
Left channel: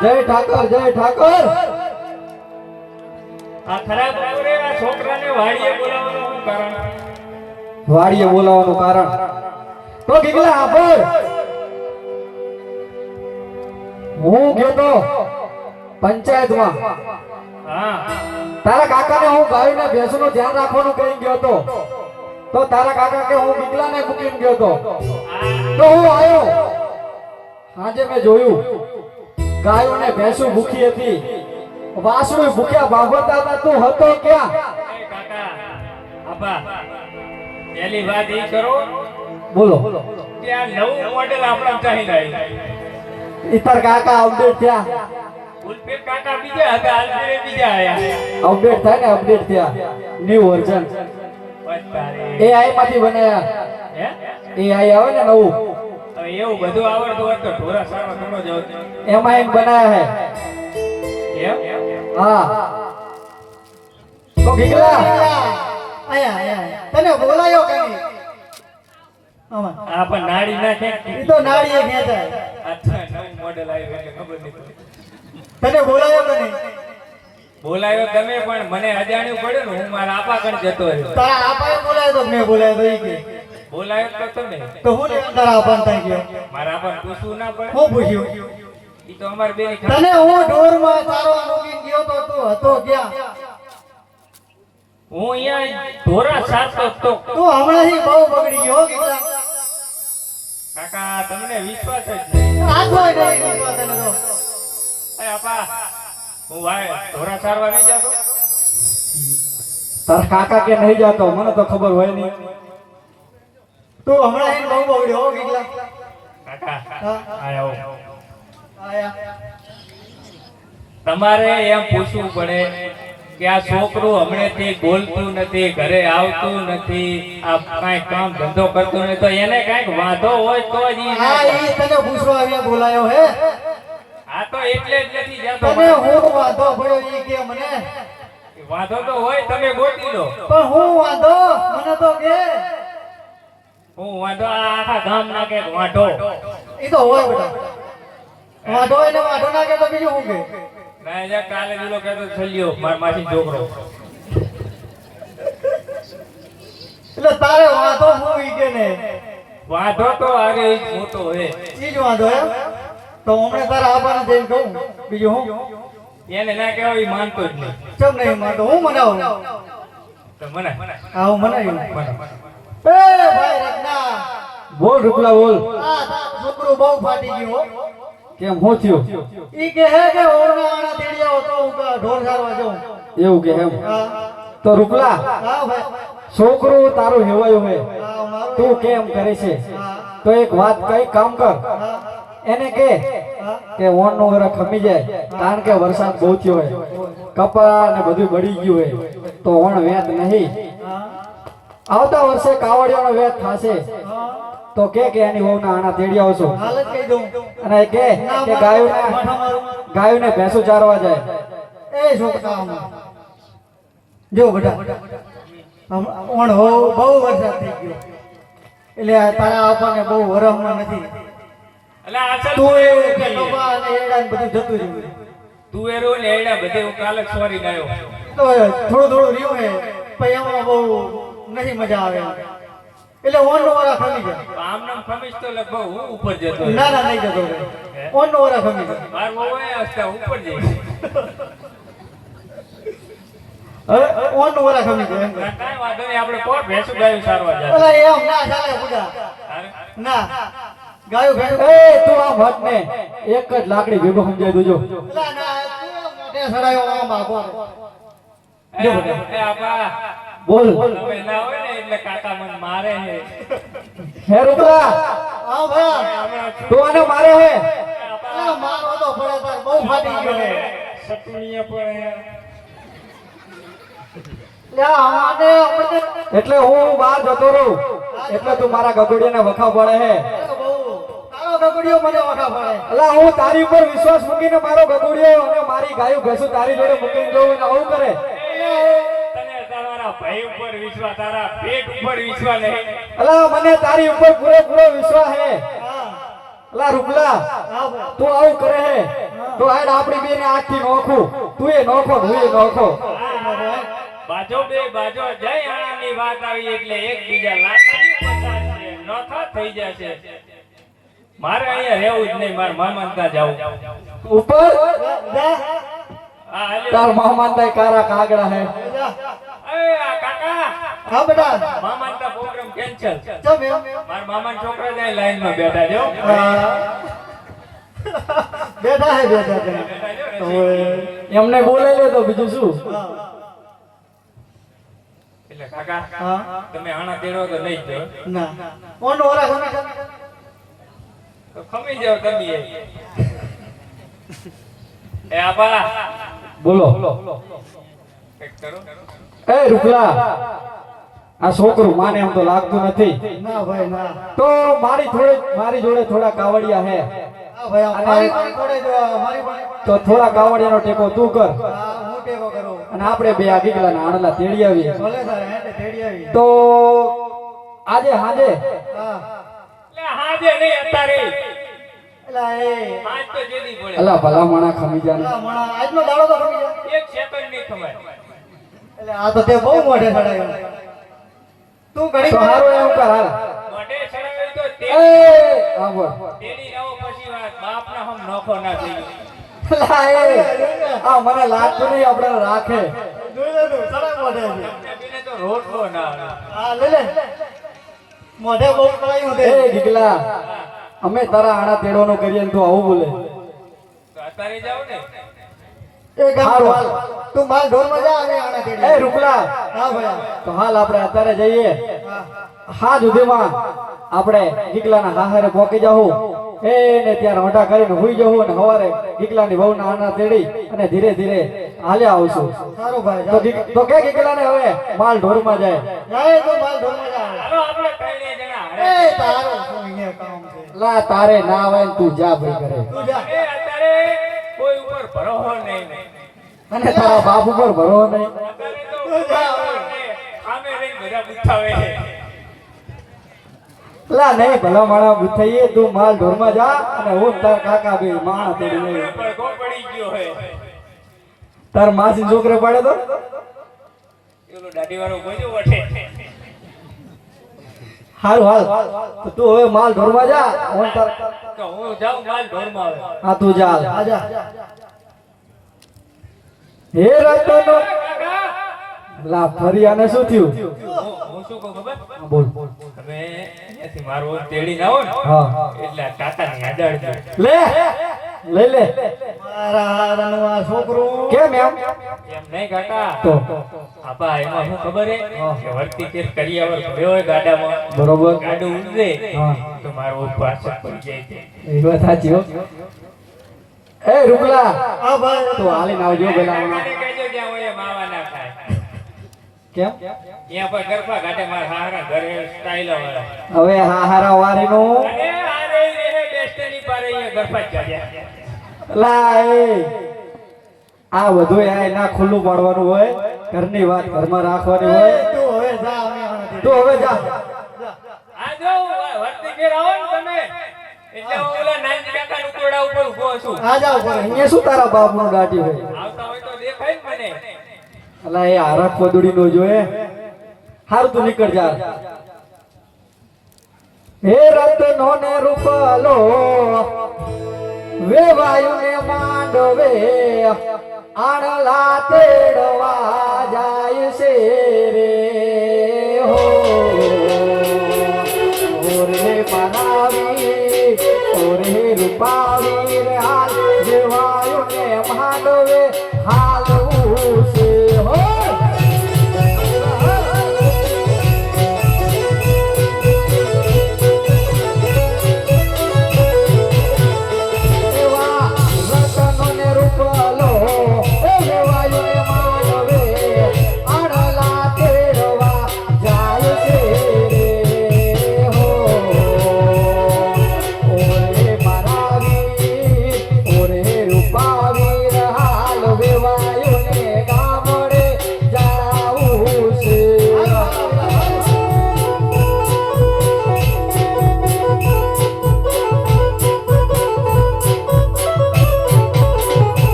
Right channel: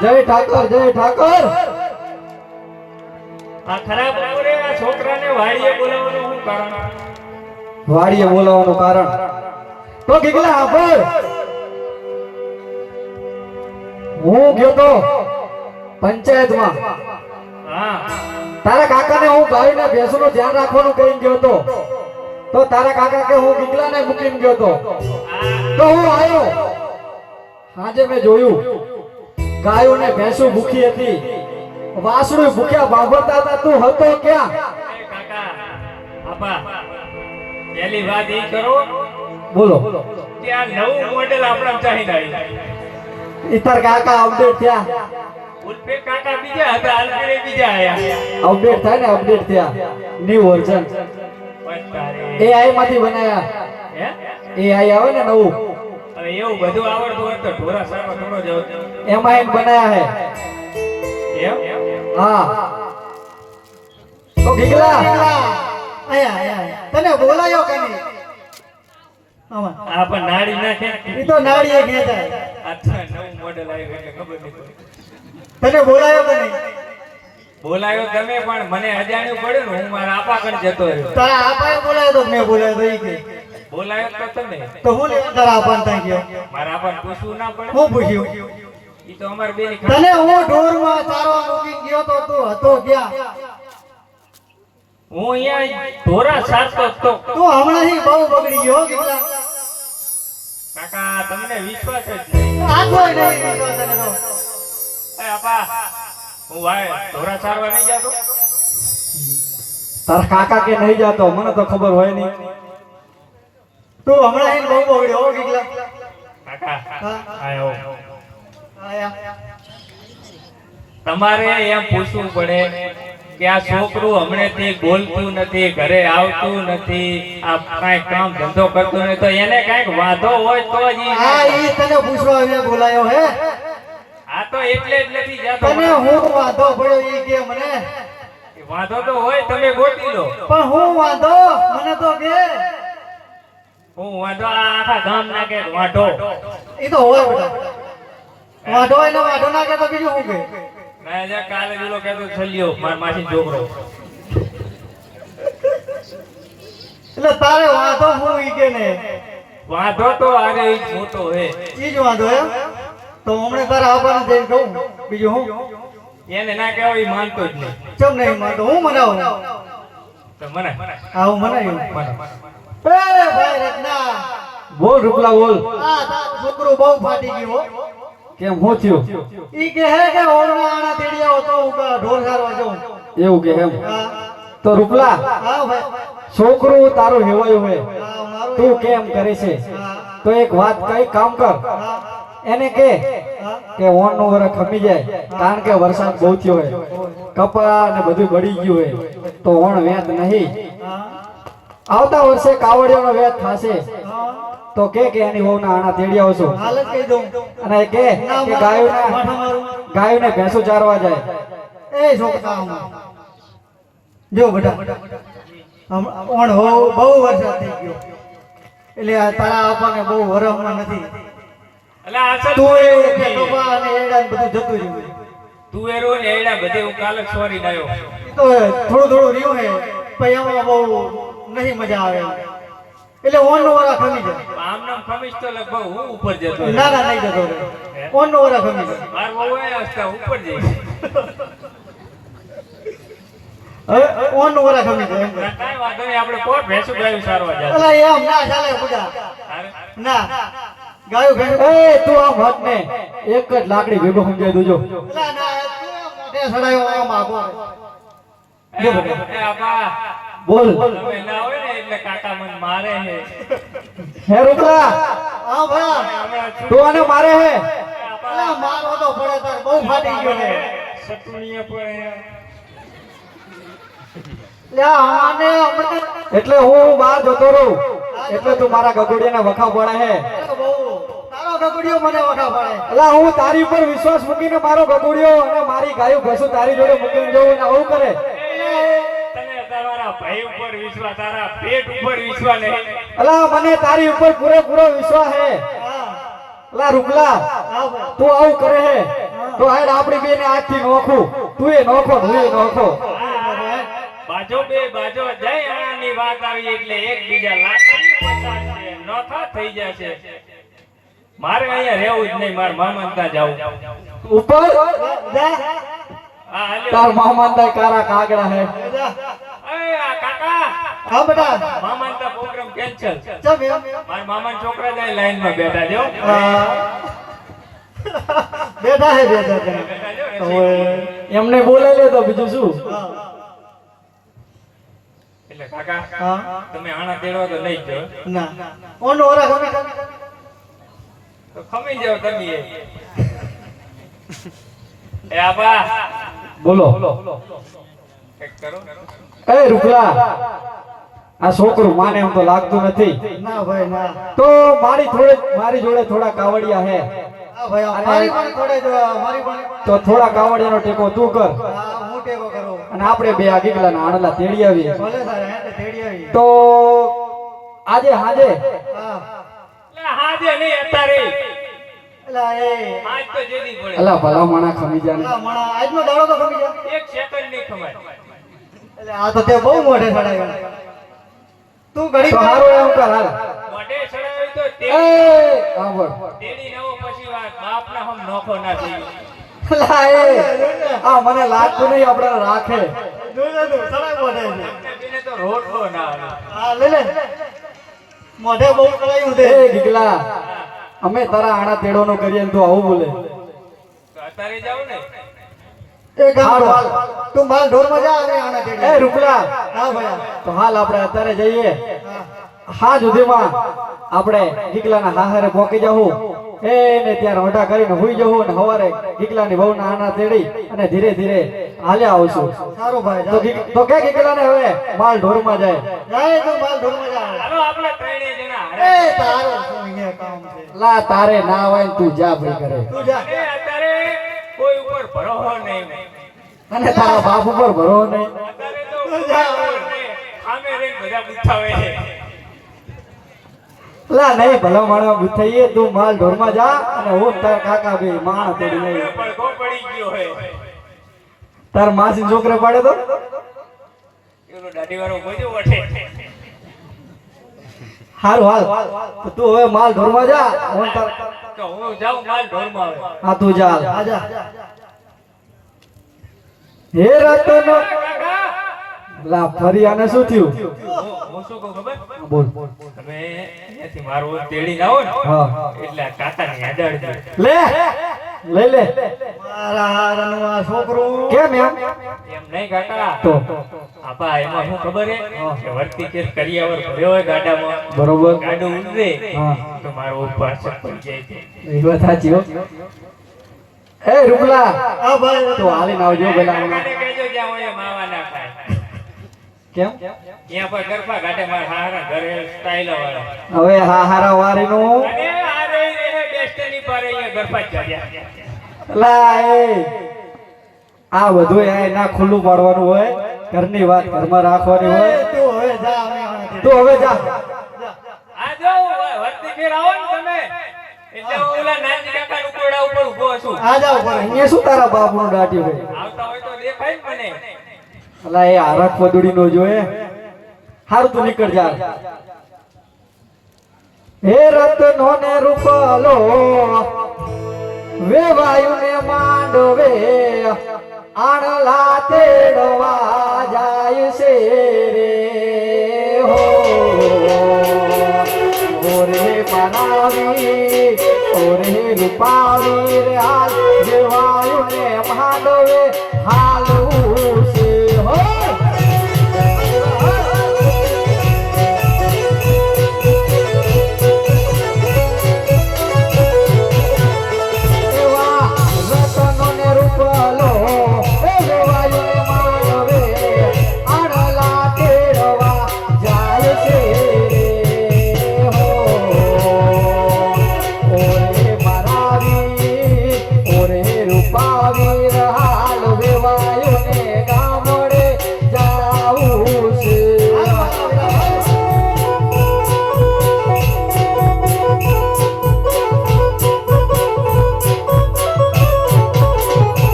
જય ઠાકર આ ખરાબ બપોરે આ છોકરાને વાડીએ બોલાવવાનું શું કારણ વાડીએ બોલાવવાનું કારણ તો ગીગલા આભર હું ગયો તો પંચાયતમાં હા તારા કાકાને હું ગાયને ભેંસોનું ધ્યાન રાખવાનું કહી ગયો તો તારા કાકા કે હું ગીગલાને મૂકીને ગયો તો હું આવ્યો આજે મેં જોયું ગાયો ને ભેંસો ભૂખી હતી વાસણું ભૂખ્યા બાંભરતા હતા તું હતો ક્યાં કાકા આપા પહેલી વાત એ કરો બોલો કે આ નવું મોડેલ આપણા ચાહીને આવ્યું ઇતર કાકા અપડેટ થયા ઉલ્પે કાકા બીજા હતા આલપે બીજા આયા અપડેટ થાય ને અપડેટ થયા ન્યુ વર્ઝન AI માંથી બનાયા હે AI આવે ને નવું હવે એવું બધું આવડતું હોય તો ઢોરા સારો થોડો જ એમાં એમ બનાયા હે એમ હા તો ગીગલા આયા તને બોલાયો કે નહીં આ પણ નાડી નાખે ઈ તો નાડીએ ખેંચાય આ તો નવું મોડેલ આવ્યું એટલે ખબર નહીં તને બોલાયો કે નહીં બોલાયો તમે પણ મને અજાણ્યું પડ્યું ને હું મારા આપા કણ જતો રહ્યો તારા આપાએ બોલાયો તો મેં બોલાયો તો ઈ કે બોલાયો તો તમે તો હું લેવા તારા આપાને ત્યાં ગયો મારા આપાને પૂછવું ના પડે હું પૂછ્યું ઈ તો અમાર બેની તને હું ઢોરમાં ચારવા મૂકીને ગયો તો તું હતો ક્યાં હું અહીંયા ઢોરા સારતો તો તું હમણાં બહુ બગડી ગયો હો ગીગલા. કાકા તમને વિશ્વાસ જ નહીં આ કોઈ નહીં ગીગલા તને તો એ આપા હું ભાઈ ઢોરા સારવા નહીં જાતો તારા કાકા કે નહીં જાતો મને તો ખબર હોય નહીં તું હમણાં બહુ બગડ્યો હો ગીગલા. કાકા હા આયો આયા તમારે એમ પૂછવું પડે કે આ છોકરું હમણેથી બોલતું નથી ઘરે આવતું નથી આ કાંઈ કામ ધંધો કરતું નથી તો એને કાંઈક વાંધો હોય તો જ ઈ હા ઈ તને પૂછવા આવ્યા બોલાયો હે આ તો એટલે જ નથી જાતો તને હું વાંધો પડ્યો ઈ કે મને વાંધો તો હોય તમે ગોતી લો પણ હું વાંધો મને તો કે હું વાંધો આ આખા ગામ ના કે વાંધો ઈ તો હોય બેટા વાંઢો એને વાંઢો ના કે તો બીજું શું કે ના જે કાલે જુલો કહેતો છલ્યો માર માસી છોકરો એટલે તારે વાંધો હું ઈ કે ને વાંધો તો આરે ઈ જ મોટો હે ઈ જ વાંધો એમ તો હમણાં તારા આબાને જઈને કહું બીજું હું એને ના કહેવાય ઈ માનતો જ નહીં ચમ નહીં માનતો હું મનાવું તો મને હા હું મનાવ્યું એ ભાઈ રત્ના બોલ રૂપલા બોલ આ તારો છોકરો બહુ ફાટી ગયો હો. કેમ હું થયું ઈ કે હે કે ઓળમાં આણા તેડી આવો તો હું ઢોર સારવા જાઉં એવું કે એમ હા તો રૂપલા હા ભાઈ છોકરું તારું હેવાયું હે હા મારું તું કેમ કરે છે હા તો એક વાત કઈ કામ કર હા એને કે હા કે ઓણ નું વરસ ખમી જાય કારણ કે વરસાદ બહુ થયો હોય કપા ને બધું બળી ગયું હોય તો ઓણ વેત નહીં હા આવતા વર્ષે કાવડિયાનો વેત થશે તો કે એની વહુના આણા તેડી આવશો હાલ જ કહી દઉં અને એ કે ગાયોને ભેંસો ચારવા જાય એ છોકરા જો બેટા ઓણ હો બહુ વરસાદ થઈ ગયો એટલે આ તારા આપણને બહુ વરમમાં નથી એટલે અસલ તું એ કે કપા અને એડા ને બધું જતું રહ્યું તુવેરો ને એડા બધે હું કાલે સોરી લાયો તો થોડું થોડું રહ્યું હે પછી આમાં બહુ નહીં મજા આવે એટલે ઓન નો વરા ખમી જાય આમ નામ ખમીશ તો લગભગ હું ઉપર જતો ના ના નહીં જતો ઓન નો વરા ખમી જાય માર બહુ એ અવસ્થા ઉપર જઈ હવે ઓન નો વરા ખમી જાય એમ કહે. કાંઈ વાંધો નહીં આપણે કોણ ભેંસું ગાયું સારવા જાય અલા એમ ના ચાલે પૂજા ના ગાયું ભેંસ એ તું આમ હટ ને એક જ લાકડી ભેગો સમજાય દોજો અલા ના તું એમ મોઢે સડાયો આમ આગો એ આપા બોલ તમે ના હોય ને એટલે કાકા મને મારે છે હે રૂપલા હા ભાઈ હમણાં તું આને મારે હે અલા મારો તો પડે તાર બહુ ફાટી ગયો હે સતુણીએ પણ લે આને આપણે એટલે હું બહાર જતો રહું એટલે તું મારા ગગોડિયાના વખા પડે હે બહુ તારો ગગડિયો મને વખા પડે અલા હું તારી ઉપર વિશ્વાસ મૂકીને મારો ગગોડિયો અને મારી ગાયું ભેંસું તારી જોડે મૂકીને જવું ને આવું કરે તને તમારા ભાઈ ઉપર વિશ્વાસ તારા પેટ ઉપર વિશ્વાસ નહીં અલા મને તારી ઉપર પૂરેપૂરો વિશ્વાસ હે હા અલા રૂપલા હા ભાઈ તું આવું કરે હે તો હેડ આપણી બેને આખી નોખું તું એ નોખો હું એ નોખો બાજો બે બાજો જય આનંદની વાત આવી એટલે એકબીજા લાકડી પસારશે નોખા થઈ જશે મારે અહીંયા રહેવું જ નહીં મારા મામા ત્યાં જાવું ઉપર જા હા હાલ્યો. તાર મામા તાય કારા કાગડા હે જા એ આ કાકા હા બેટા મામા તા પ્રોગ્રામ કેન્સલ ચમ એમ મારા મામા છોકરા જાય લાઈન માં બેઠા જો હા બેટા હે બેટા તને બેઠા જો ને. એમને બોલાવી લે તો બીજું શું હા એટલે કાકા હા તમે આણા તેડવા તો નહીં જ જો ના ઓન ઓરા ગમે તો ખમી જાવ તમે એ આબા બોલો કઈક કરો એ રૂપલા આ છોકરું માને એમ તો લાગતું નથી ના ભાઈ ના તો મારી જોડે થોડા કાવડિયા હે હા ભાઈ મારી પણ થોડે જો મારી પણ તો થોડા કાવડિયાનો ટેકો તું કર હા હું ટેકો કરું અને આપણે બે આ ગીગલાના આણલા તેડી આવીએ ભલે તારે હેન્ડ તેડી આવી તો આજે હાજે હા એટલે હાજે નહીં અત્યારે એલા એ આજ તો જેદી પડે અલા ભલા માણા ખમી જાને એલા મણા આજનો દાડો તો ખમી ગયા એક સેકન્ડ નહીં ખમાય એટલે આ તો તે બહુ મોઢે ચડાયો તું ઘડી તો હારું એમ કર હાલ મોઢે ચડાવી તો એ આબર તેડી નવો પછી વાત બાપના હમ નોખો ના થઈ લા એ આ મને લાગતું નહીં આપણે રાખે જોઈ તું ચડાય મોઢે છે બીને તો રોટલો ના આવે. હા લે લે મોઢે બહુ ચડાયું એ છે ગીગલા અમે તારા આણા તેડોનો કરીએ ને તું આવું બોલે તો અત્યારે જાવ ને એ ગામ તું માલ ઢોર માં જા અને આને તેડી એ રૂપલા હા ભાઈ તો હાલ આપણે અત્યારે જઈએ હા હા સુધીમાં આપણે ગીગલાના હાહરે પહોંચી જવું એને ત્યાં રોઢા કરીને હુઈ જવું અને સવારે ગીગલાની વહુના આના તેડી અને ધીરે ધીરે હાલ્યા આવશું સારું ભાઈ તો તો કે ગીગલાને હવે માલ ઢોરમાં જાય જાય તું માલ ઢોર માં જા ચાલો આપણે ત્રણેય જણા એ હારે. તારો શું અહીંયા કામ છે લા તારે ના હોય ને તું જા ભાઈ કરે તું જા એ અત્યારે કોઈ ઉપર ભરોસો નહીં અને તારા બાપ ઉપર ભરો નહીં અત્યારે તો સામે રહીને બધા પૂછાવે છે લા નહીં ભલા માણા બુથઈએ તું માલ ઢોરમાં જા અને હું તાર કાકા બે માણા તોડી લઈ પડઘો પડી ગયો હે તાર માસી છોકરો પાડે તો એનો દાઢીવાળો ગોજો વઠે હારું હાલ તો તું હવે માલ ઢોરમાં જા હું તાર તો હું જાઉં માલ ઢોરમાં આવે હા તું જા આજા હે રતનો લા ફરી આને શું થયું હું શું કહું ખબર બોલ તમે અહીંયાથી મારું તેડી આવો ને હા એટલે આ કાકાને યાદાડજો લે લે મારા રનવા છોકરો કેમ એમ એમ નહીં કાકા તો આપા એમાં શું ખબર હે કે વર્તી કેસ કરિયાવર ભર્યો હોય ગાડામાં બરોબર ગાડું ઉડે હા તો મારો પાછળ પડી જાય છે એ વાત સાચી હો એ રૂપલા આ ભાઈ તો હાલીને આવજો પેલા કાકાને કહેજો જ્યાં હોય એ માવા ના ખાય કેમ ત્યાં પર ગરબા ગાડે મારા હારા ઘરે સ્ટાઈલ વાળા હવે હા હારા વારીનું અને આ રે ડેસ્ટિની પારે અહીંયા ગરબા જ કર્યા લા એ આ બધું આ ના ખુલ્લું પાડવાનું હોય ઘરની વાત ઘરમાં રાખવાની હોય તું હવે જા આ જો વર્તી ફેર આવો ને તમે એટલે હું ઓલા નાની કાકા નું કોડા ઉપર ઊભો છું આ જાવ પર અહીંયા શું તારા બાપનું દાટ્યું હોય આવતા હોય તો દેખાય ને મને અલા એ આરબ પદુડી નો જોએ હાર તું નીકળ જા હે રતનો ને રૂપલો વે વાયુ ને માંડવે આણલા તેડવા જાય છે રે હો ઓરે બનાવી ઓરે રૂપાવી રે હાલ વે વાયુ ને માંડવે હાલવું છે હો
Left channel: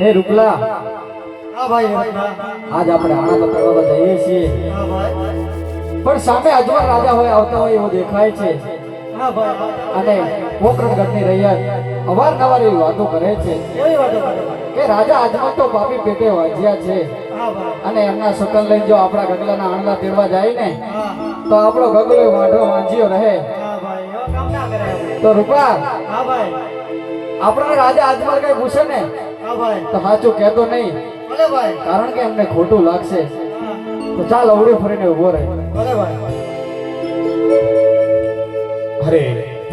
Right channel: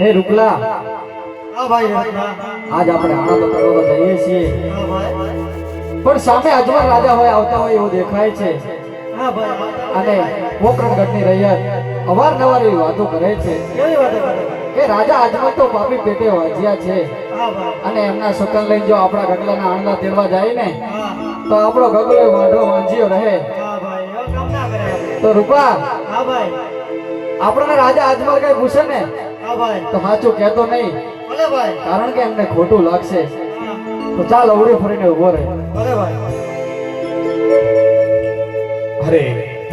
હે રૂપલા હા ભાઈ આજ આપણે આનંદ કરવા જઈએ છીએ હા ભાઈ પણ સામે અજમલ રાજા હોય આવતા હોય એવું દેખાય છે હા ભાઈ અને પોકરણગઢની રૈયત અવારનવાર એવી વાતો કરે છે કેવી વાતો કરે કે રાજા અજમલ તો પાપી પેટે વાજ્યા છે હા ભાઈ અને એમના સુકન લઈને જો આપણા ગગલાના આંડલા તેડવા જાય ને તો આપણો ગગલો વાંઢો વાંજ્યો રહે હા ભાઈ એવો કામ ના કરે તો રૂપા હા ભાઈ આપણને રાજા અજમલ કઈ પૂછે ને હા ભાઈ તો સાચું કહેતો નહીં ભલે ભાઈ કારણ કે એમને ખોટું લાગશે તો ચાલ અવડું ફરીને ઉભો રહે ભલે ભાઈ અરે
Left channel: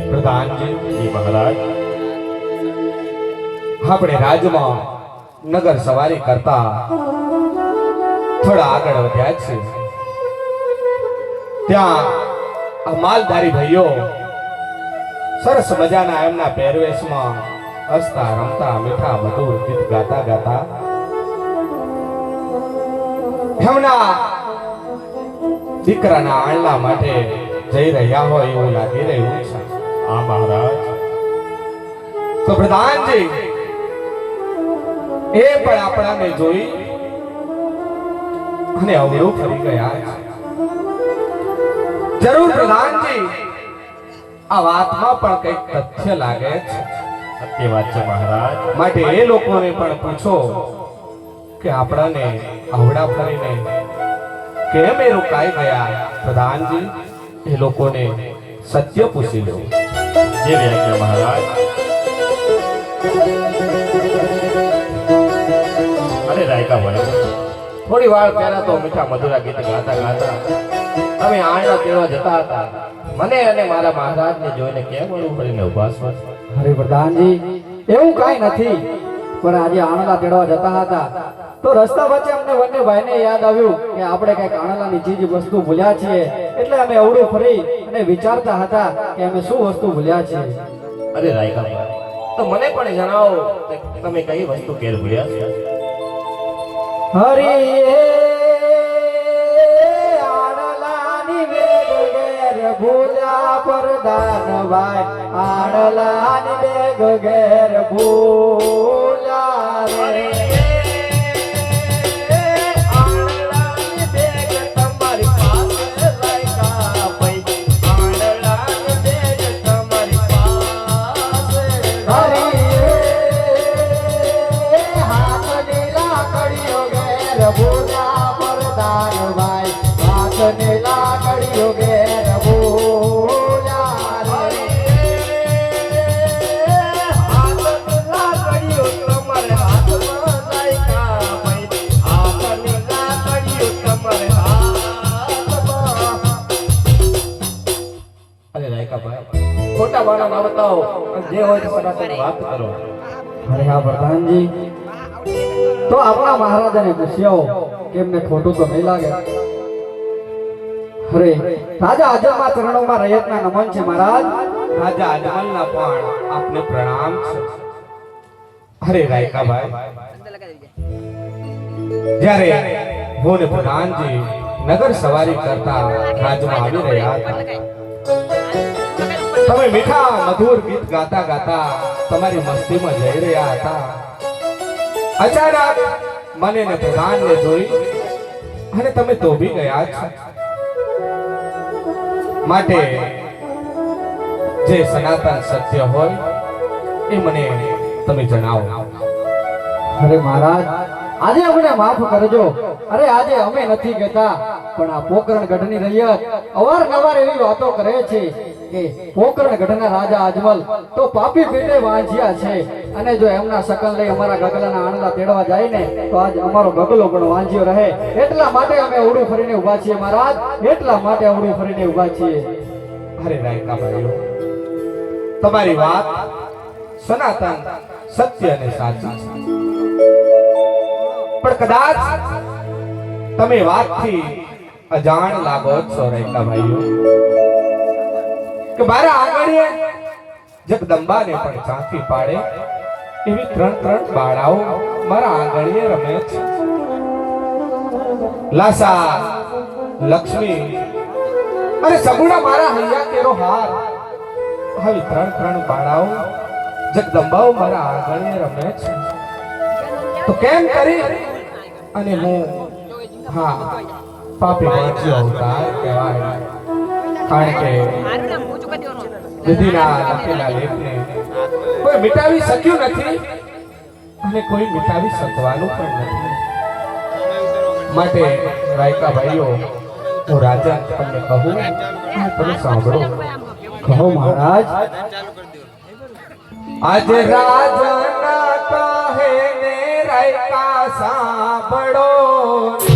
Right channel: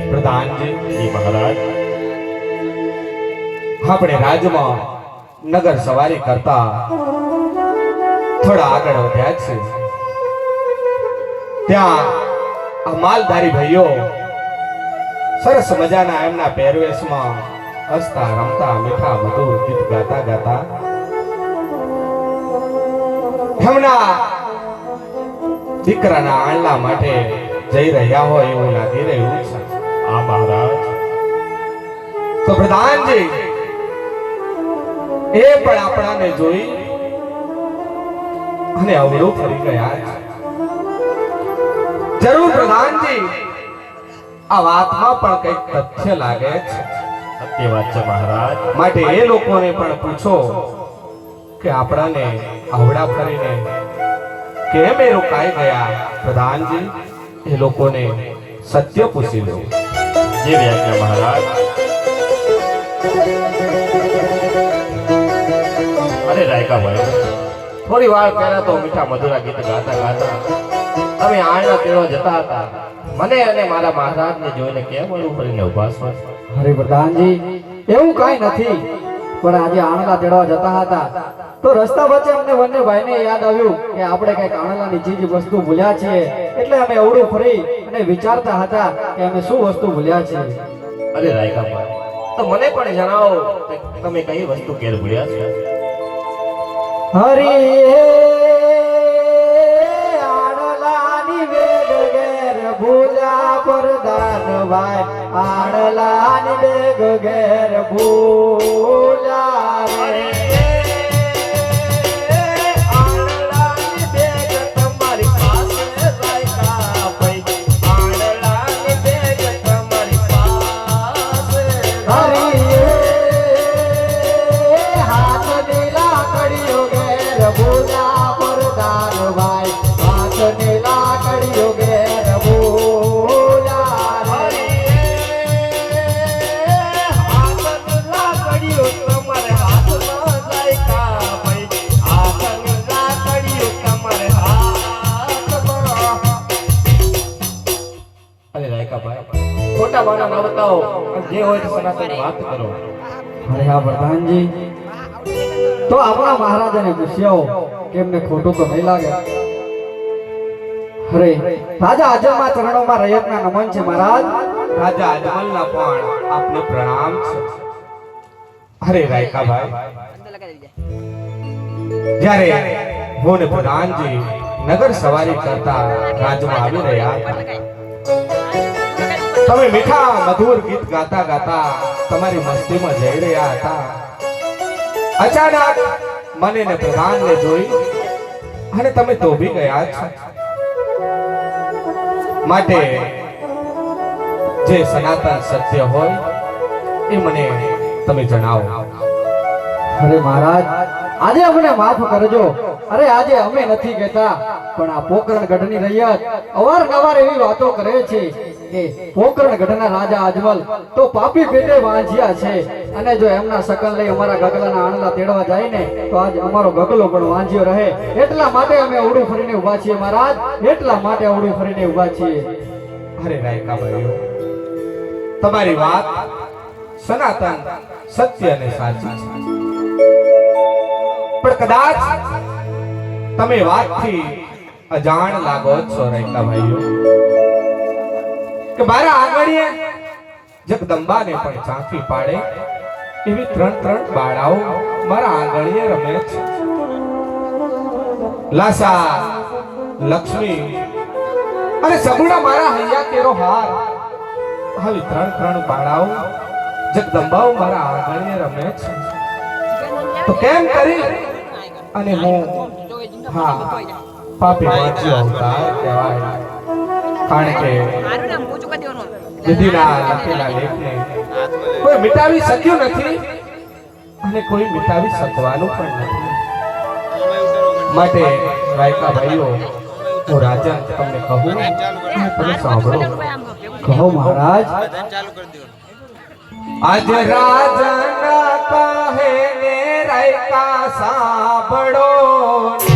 પ્રધાનજી જી મહારાજ આપણે રાજમાં નગર સવારી કરતા થોડા આગળ વધ્યા છે ત્યાં આ માલધારી ભાઈઓ સરસ મજાના એમના પહેરવેશમાં હસતા રમતા મીઠા મધુર ગીત ગાતા ગાતા એમના દીકરાના આણલા માટે જઈ રહ્યા હોય એવું લાગી રહ્યું છે. આ મહારાજ તો પ્રધાનજી એ પણ આપણાને જોઈ અને અવળું ફરી ગયા છે. જરૂર પ્રધાનજી આ વાતમાં પણ કંઈક તથ્ય લાગે છે. સત્ય વાત છે મહારાજ. માટે એ લોકોને પણ પૂછો કે આપણાને અવળા ફરીને કેમ એ રોકાઈ ગયા. પ્રધાનજી એ લોકોને સત્ય પૂછી લો. જે વ્યાખ્યા મહારાજ. અરે રાયકા ભાઈ થોડી થોડી વાર પહેલા તો મીઠા મધુરા ગીત ગાતા ગાતા તમે આણના તેડવા જતા હતા. મને અને મારા મહારાજને જોઈને કેમ ઓલું ફરીને ઉભા છો? હરે પ્રધાનજી, એવું કઈ નથી, પણ આજે આણલા તેડવા જતા હતા તો રસ્તા વચ્ચે અમને બંને ભાઈને યાદ આવ્યું કે આપણે કઈક આણલાની ચીજ વસ્તુ ભૂલ્યા છીએ, એટલે અમે અવળું ફરી અને વિચારતા હતા કે અમે શું વસ્તુ ભૂલ્યા છીએ. અરે રાયકાભાઈ, તો મને પણ જણાવો કે તમે કઈ વસ્તુ ઘેર ભૂલ્યા છો? હરી આણલાની વેગ ઘેર ભૂલ્યા પ્રધાનભાઈ, આણલાની વેગ ઘેર ભૂલ્યા રે. ખોટા વાળા ના બતાવો, જે હોય તો સનાતન વાત કરો. અરે હા પ્રધાનજી, તો આપણા મહારાજાને પૂછ્યો કે એમને ખોટું તો નહીં લાગે. અરે રાજા અજમના ચરણોમાં રૈયતના નમન છે મહારાજ. રાજા અજમલના પણ આપને પ્રણામ છે. અરે રાયકાભાઈ, જ્યારે હું ને પ્રધાનજી નગર સવારી કરતા રાજમાં આવી રહ્યા હતા, તમે મીઠા મધુર ગીત ગાતા ગાતા તમારી મસ્તીમાં જઈ રહ્યા હતા. અચાનક મને ને પ્રધાનને જોઈ અને તમે તોબી ગયા છો. માટે જે સનાતન સત્ય હોય એ મને તમે જણાવો. અરે મહારાજ, આજે અમને માફ કરજો. અરે આજે અમે નથી કહેતા, પણ આ પોકરણ ગઢની રૈયત અવારનવાર એવી વાતો કરે છે કે પોકરણ ગઢના રાજા અજમલ તો પાપી પેટે વાંજ્યા છે, અને જો એમના શકલ લઈ અમારા ગગલાના આણલા તેડવા જાય ને તો આજ અમારો ગગલો પણ વાંજ્યો રહે. એટલા માટે અમે અવળું ફરીને ઊભા છીએ મહારાજ, એટલા માટે અવળું ફરીને ઊભા છીએ. અરે રાયકાભાઈઓ, તમારી વાત સનાતન સત્ય અને સાચી છે, પણ કદાચ તમે વાતથી અજાણ લાગો છો રાયકાભાઈઓ, કે મારા આંગણીએ જગદંબાને પણ ઝાંખી પાડે એવી ત્રણ બાળાઓ મારા આંગણીએ રમે છે. લાસા, લક્ષ્મી અને સગુણા મારા હૈયા તેરો હાર, હવે ત્રણ બાળાઓ જગદંબાઓ મારા આંગણીએ રમે છે. તો કેમ કરી અને હું પાપી વાંચ્યો અવતાર કહેવાય, કારણ કે વિધિના લખેલા લેખને કોઈ મિટાવી શક્યું નથી અને કોઈ મિટાવી શકવાનું પણ નથી. માટે રાયકા ભાઈઓ, હું રાજા તમને કહું અને તમે સાંભળો. કહો મહારાજ. આજે રાજા કહે ને રાયકા સાંભળો ને.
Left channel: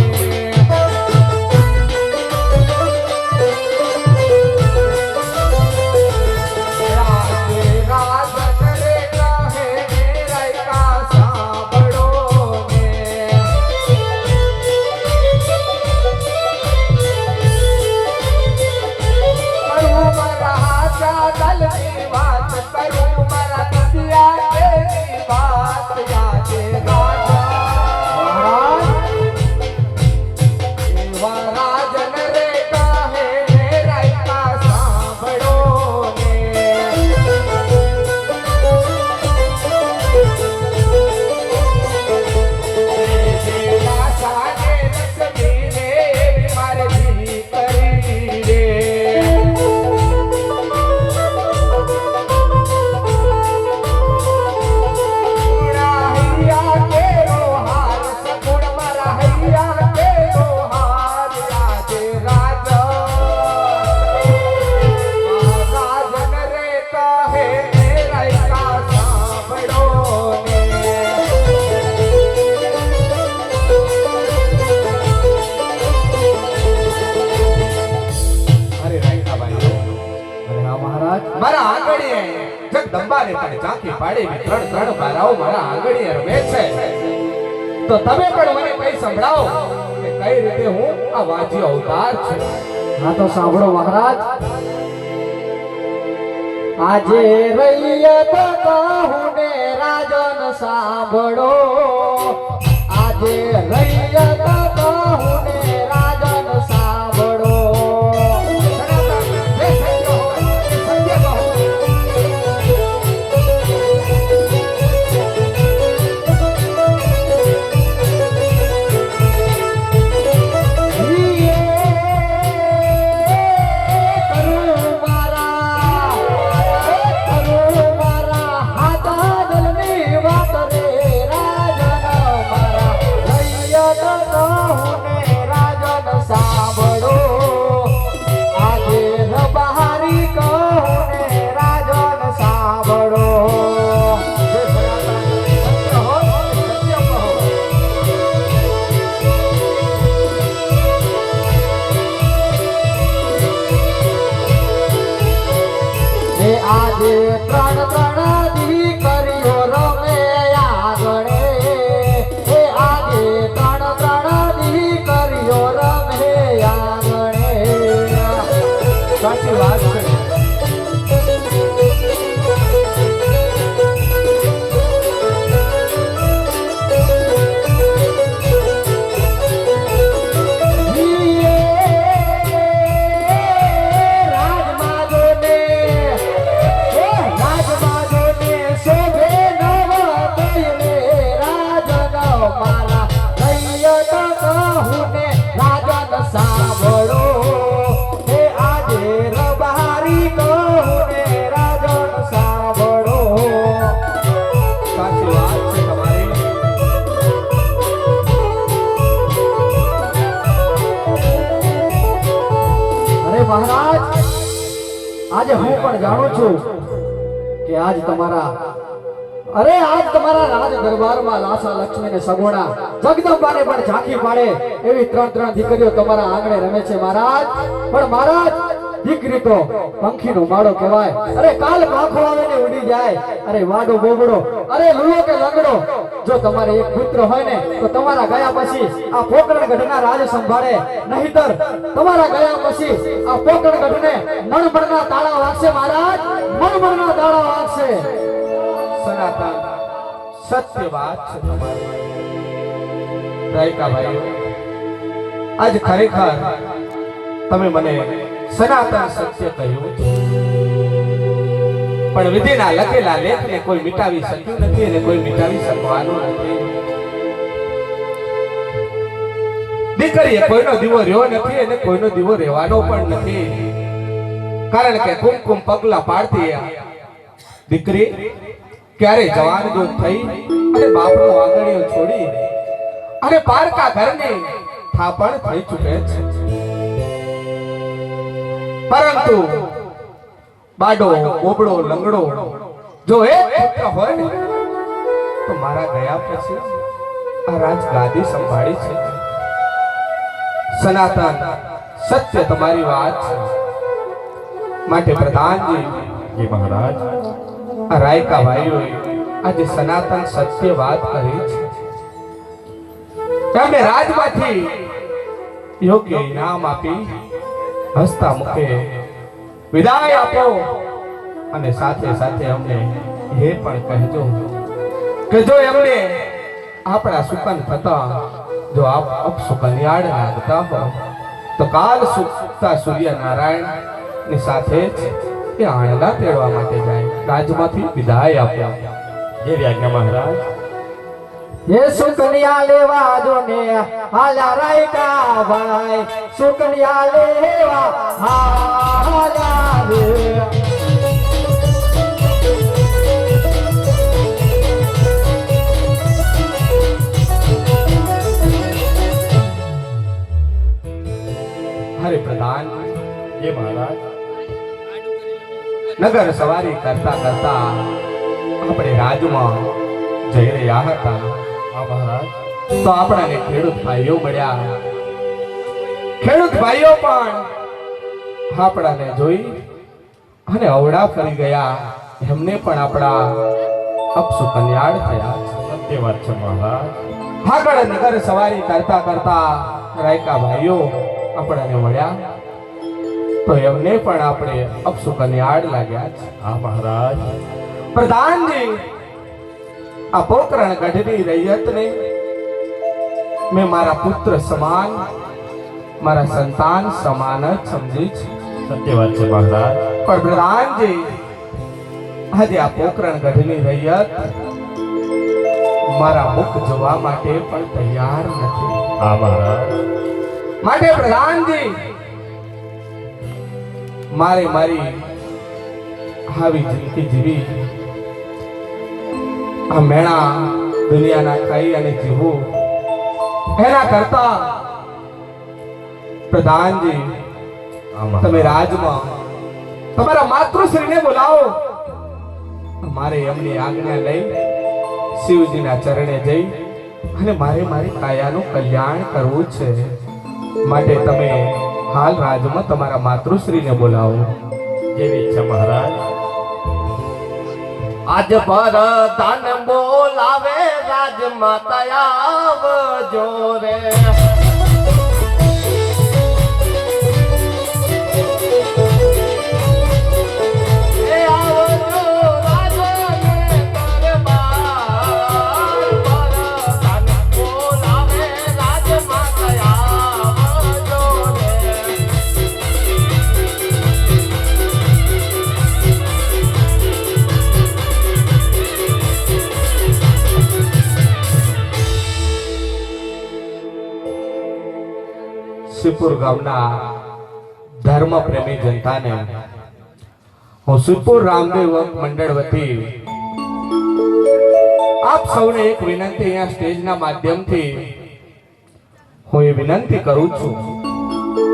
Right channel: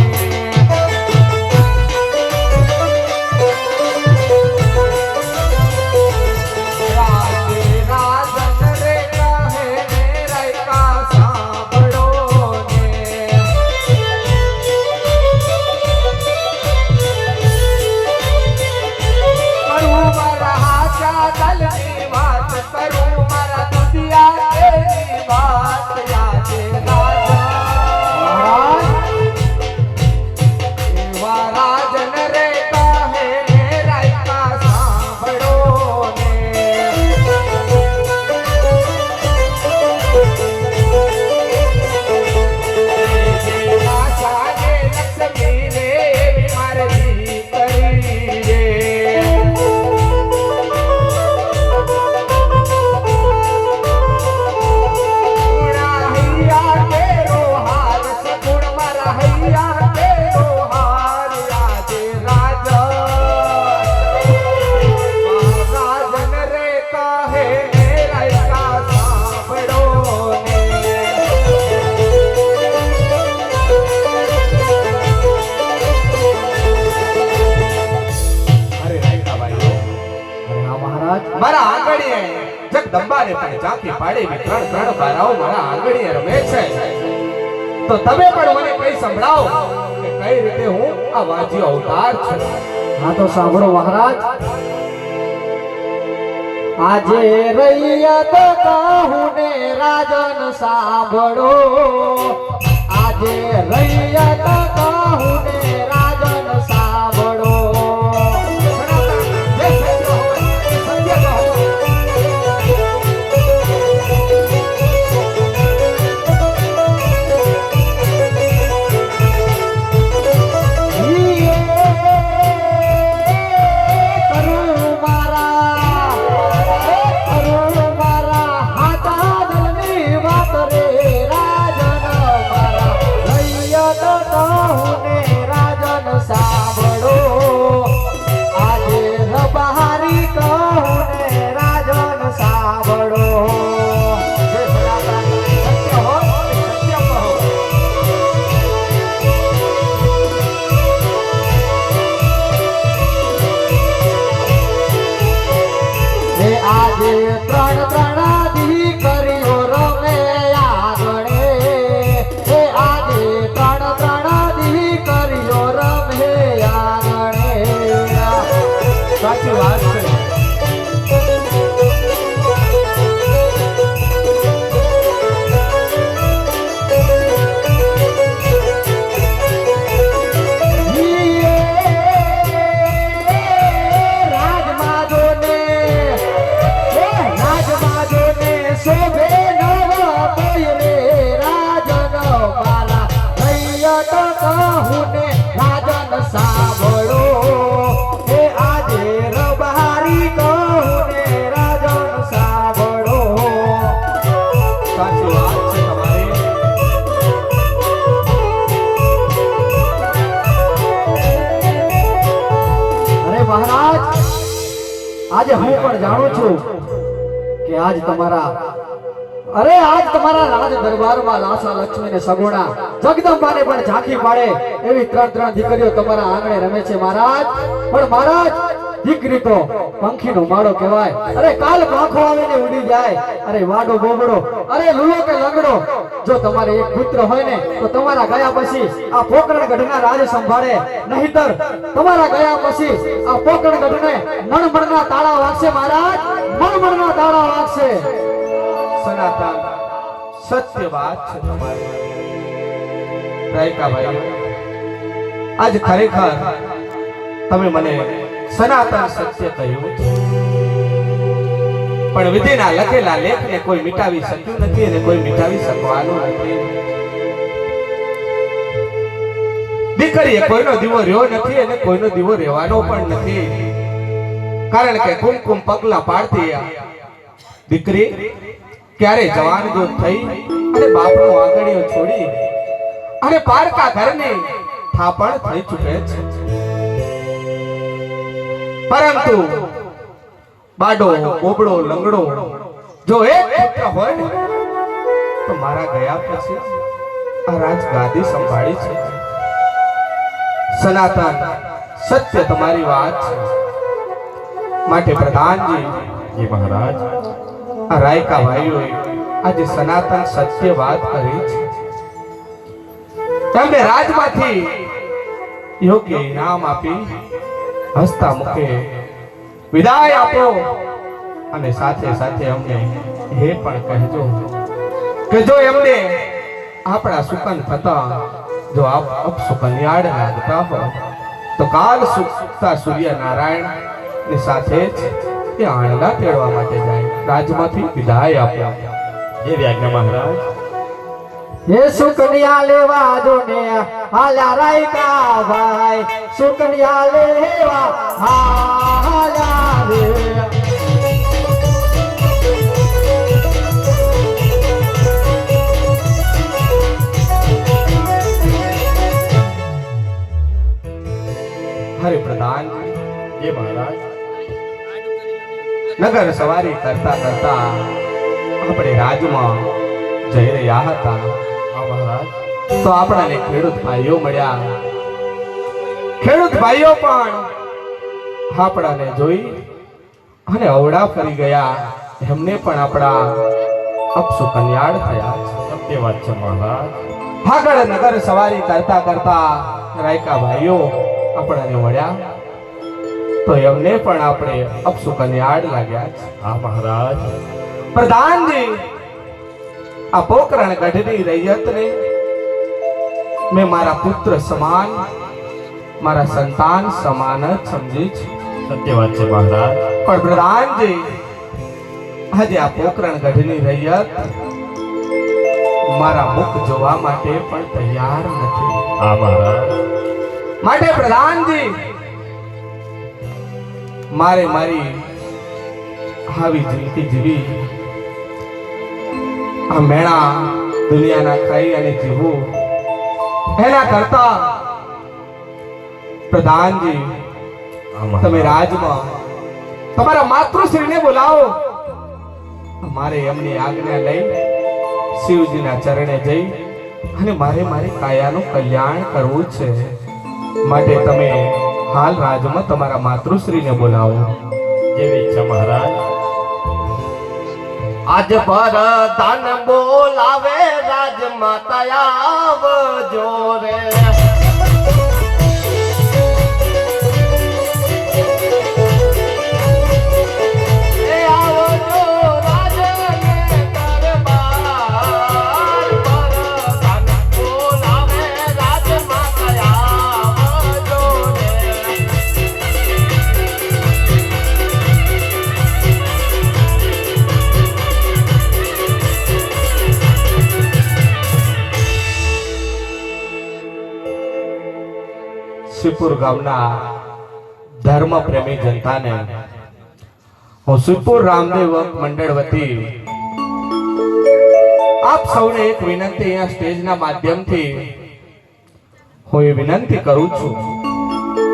જગદંબાને પણ ઝાંખી પાડી ત્રણ ત્રણ બારાઓ મારા આંગણીએ રમે છે. તો તમે પણ મને કઈ સંભળાવો કે કઈ રીતે હું આ વાજ્યો અવતાર છું. હા તો સાંભળો મહારાજ. આજે રૈયત કહું ને રાજન સાંભળો. આજે રૈયત કહું ને રાજન સાંભળો. જે સત્ય હોય એ સત્ય કહો. આજે હું પણ જાણું છું કે આજ તમારા રાજ દરબારમાં લાસા લક્ષ્મી ને સગુણા જગદંબાને પણ ઝાંખી પાડે એવી ત્રણ ત્રણ દીકરીઓ તમારા આંગણે રમે છે મહારાજ. પણ મહારાજ, દીકરી તો પંખીનો માળો કહેવાય. અરે કાલ પાંખો આવે ને ઉડી જાય. અરે વાડો બોબડો, અરે લુલો કે લંગડો, જો તમારે એક પુત્ર હોય ને તો તમારા ગયા પછી આ પોકરણગઢના રાજ સંભાળે. નહીતર તમારા ગયા પછી આ પોકરણગઢને મણમણના તાળા વાગશે મહારાજ, મણમણના તાળા વાગશે. સનાતન સત્ય વાત છે તમારી. રાયકા ભાઈ, આજ ખરેખર તમે મને સનાતન સત્ય કહ્યું, પણ વિધિના લખેલા લેખને કોઈ મિટાવી શક્યું નથી અને કોઈ મિટાવી શકવાનું નથી. દીકરીએ કોઈનો દીવો રહ્યો નથી અને કોઈનો દીવો રહેવાનો પણ નથી. કારણ કે કુમકુમ પગલા પાડતી દીકરી ક્યારે જવાન જો થઈ અને બાપનો આંગણીઓ છોડી અને પારકા ઘરની થાપણ થઈ ચૂકે છે. પરંતુ બાડો બોબડો લંગડો જો એક પુત્ર હોય ને તો મારા ગયા પછી આ રાજગાદી સંભાળી છે. સનાતન સત્ય તમારી વાત છે. માટે પ્રધાનજી, જી મહારાજ, આ રાયકા ભાઈઓએ આજે સનાતન સત્ય વાત કરી છે. તેમને રાજમાંથી યોગ્ય ઇનામ આપી હસતા મુખે વિદાય આપો અને સાથે સાથે અમને એ પણ કહેજો કે જો એમને આપણા સુકન થતા જો આપ અપસુકન્યાળ લાગતા હો તો કાલ સુકતા સૂર્યનારાયણ ની સાથે જ એ આણલા તેડવા માટે જાય. રાજમાંથી વિદાય આપ્યા. જે આજ્ઞા મહારાજ. હે સુકન્યા લેવા જો ને હાલા રાયકા ભાઈ, સુકન્યા લેવા હાલા રે. હરે પ્રધાન, જે મહારાજ. નગર સવારી કરતા કરતા આપણે રાજમાં જઈ રહ્યા હતા. હા મહારાજ. તો આપણાને ખેડૂત ભાઈઓ મળ્યા. ખેડૂત ભાઈઓ પણ આપણાને જોઈ અને અવળા ફરી ગયા એમને પણ આપણા અપસુ કન્યાળ થયા છે. સત્ય વાત છે મહારાજ. આગળ નગર સવારી કરતા કરતા રાયકા ભાઈઓ આપણને મળ્યા તો એમને પણ આપણે અપસુ કન્યાળ લાગ્યા છે. હા મહારાજ. પ્રધાનજી, આ પોકરણ ગઢની રૈયતને મેં મારા પુત્ર સમાન, મારા સંતાન સમાન જ સમજી છે. સત્ય વાત છે મહારાજ. પણ પ્રધાનજી, આજે આ પોકરણ ગઢની રૈયત મારા મુખ જોવા માટે પણ તૈયાર નથી. હા મહારાજ. માટે પ્રધાનજી, મારે મારી આવી જિંદગી જીવી, આ મેણા દુનિયાના ખાઈ અને જીવવું એના કરતા પ્રધાનજી, હા મહારાજ. તમે રાજમાં તમારા માતૃશ્રીને બોલાવો. મારે એમની આજ્ઞા લઈ શિવજીના ચરણે જઈ અને મારે મારી કાયાનું કલ્યાણ કરવું છે. માટે તમે હાલ રાજમાં તમારા માતૃશ્રીને બોલાવો. જેવી ઈચ્છા મહારાજ. આજ પર ધન બોલાવે રાજમાતા આવજો રે. એ આવજો રાજને દરબાર પર ધન બોલાવે રાજમાતા આવજો રે. શિવપુર ગામના ધર્મ પ્રેમી જનતાને હું શિવપુર રામદેવ મંડળ વતી આપ સૌને એક વિનંતી અહીંયા સ્ટેજના માધ્યમથી હું એ વિનંતી કરું છું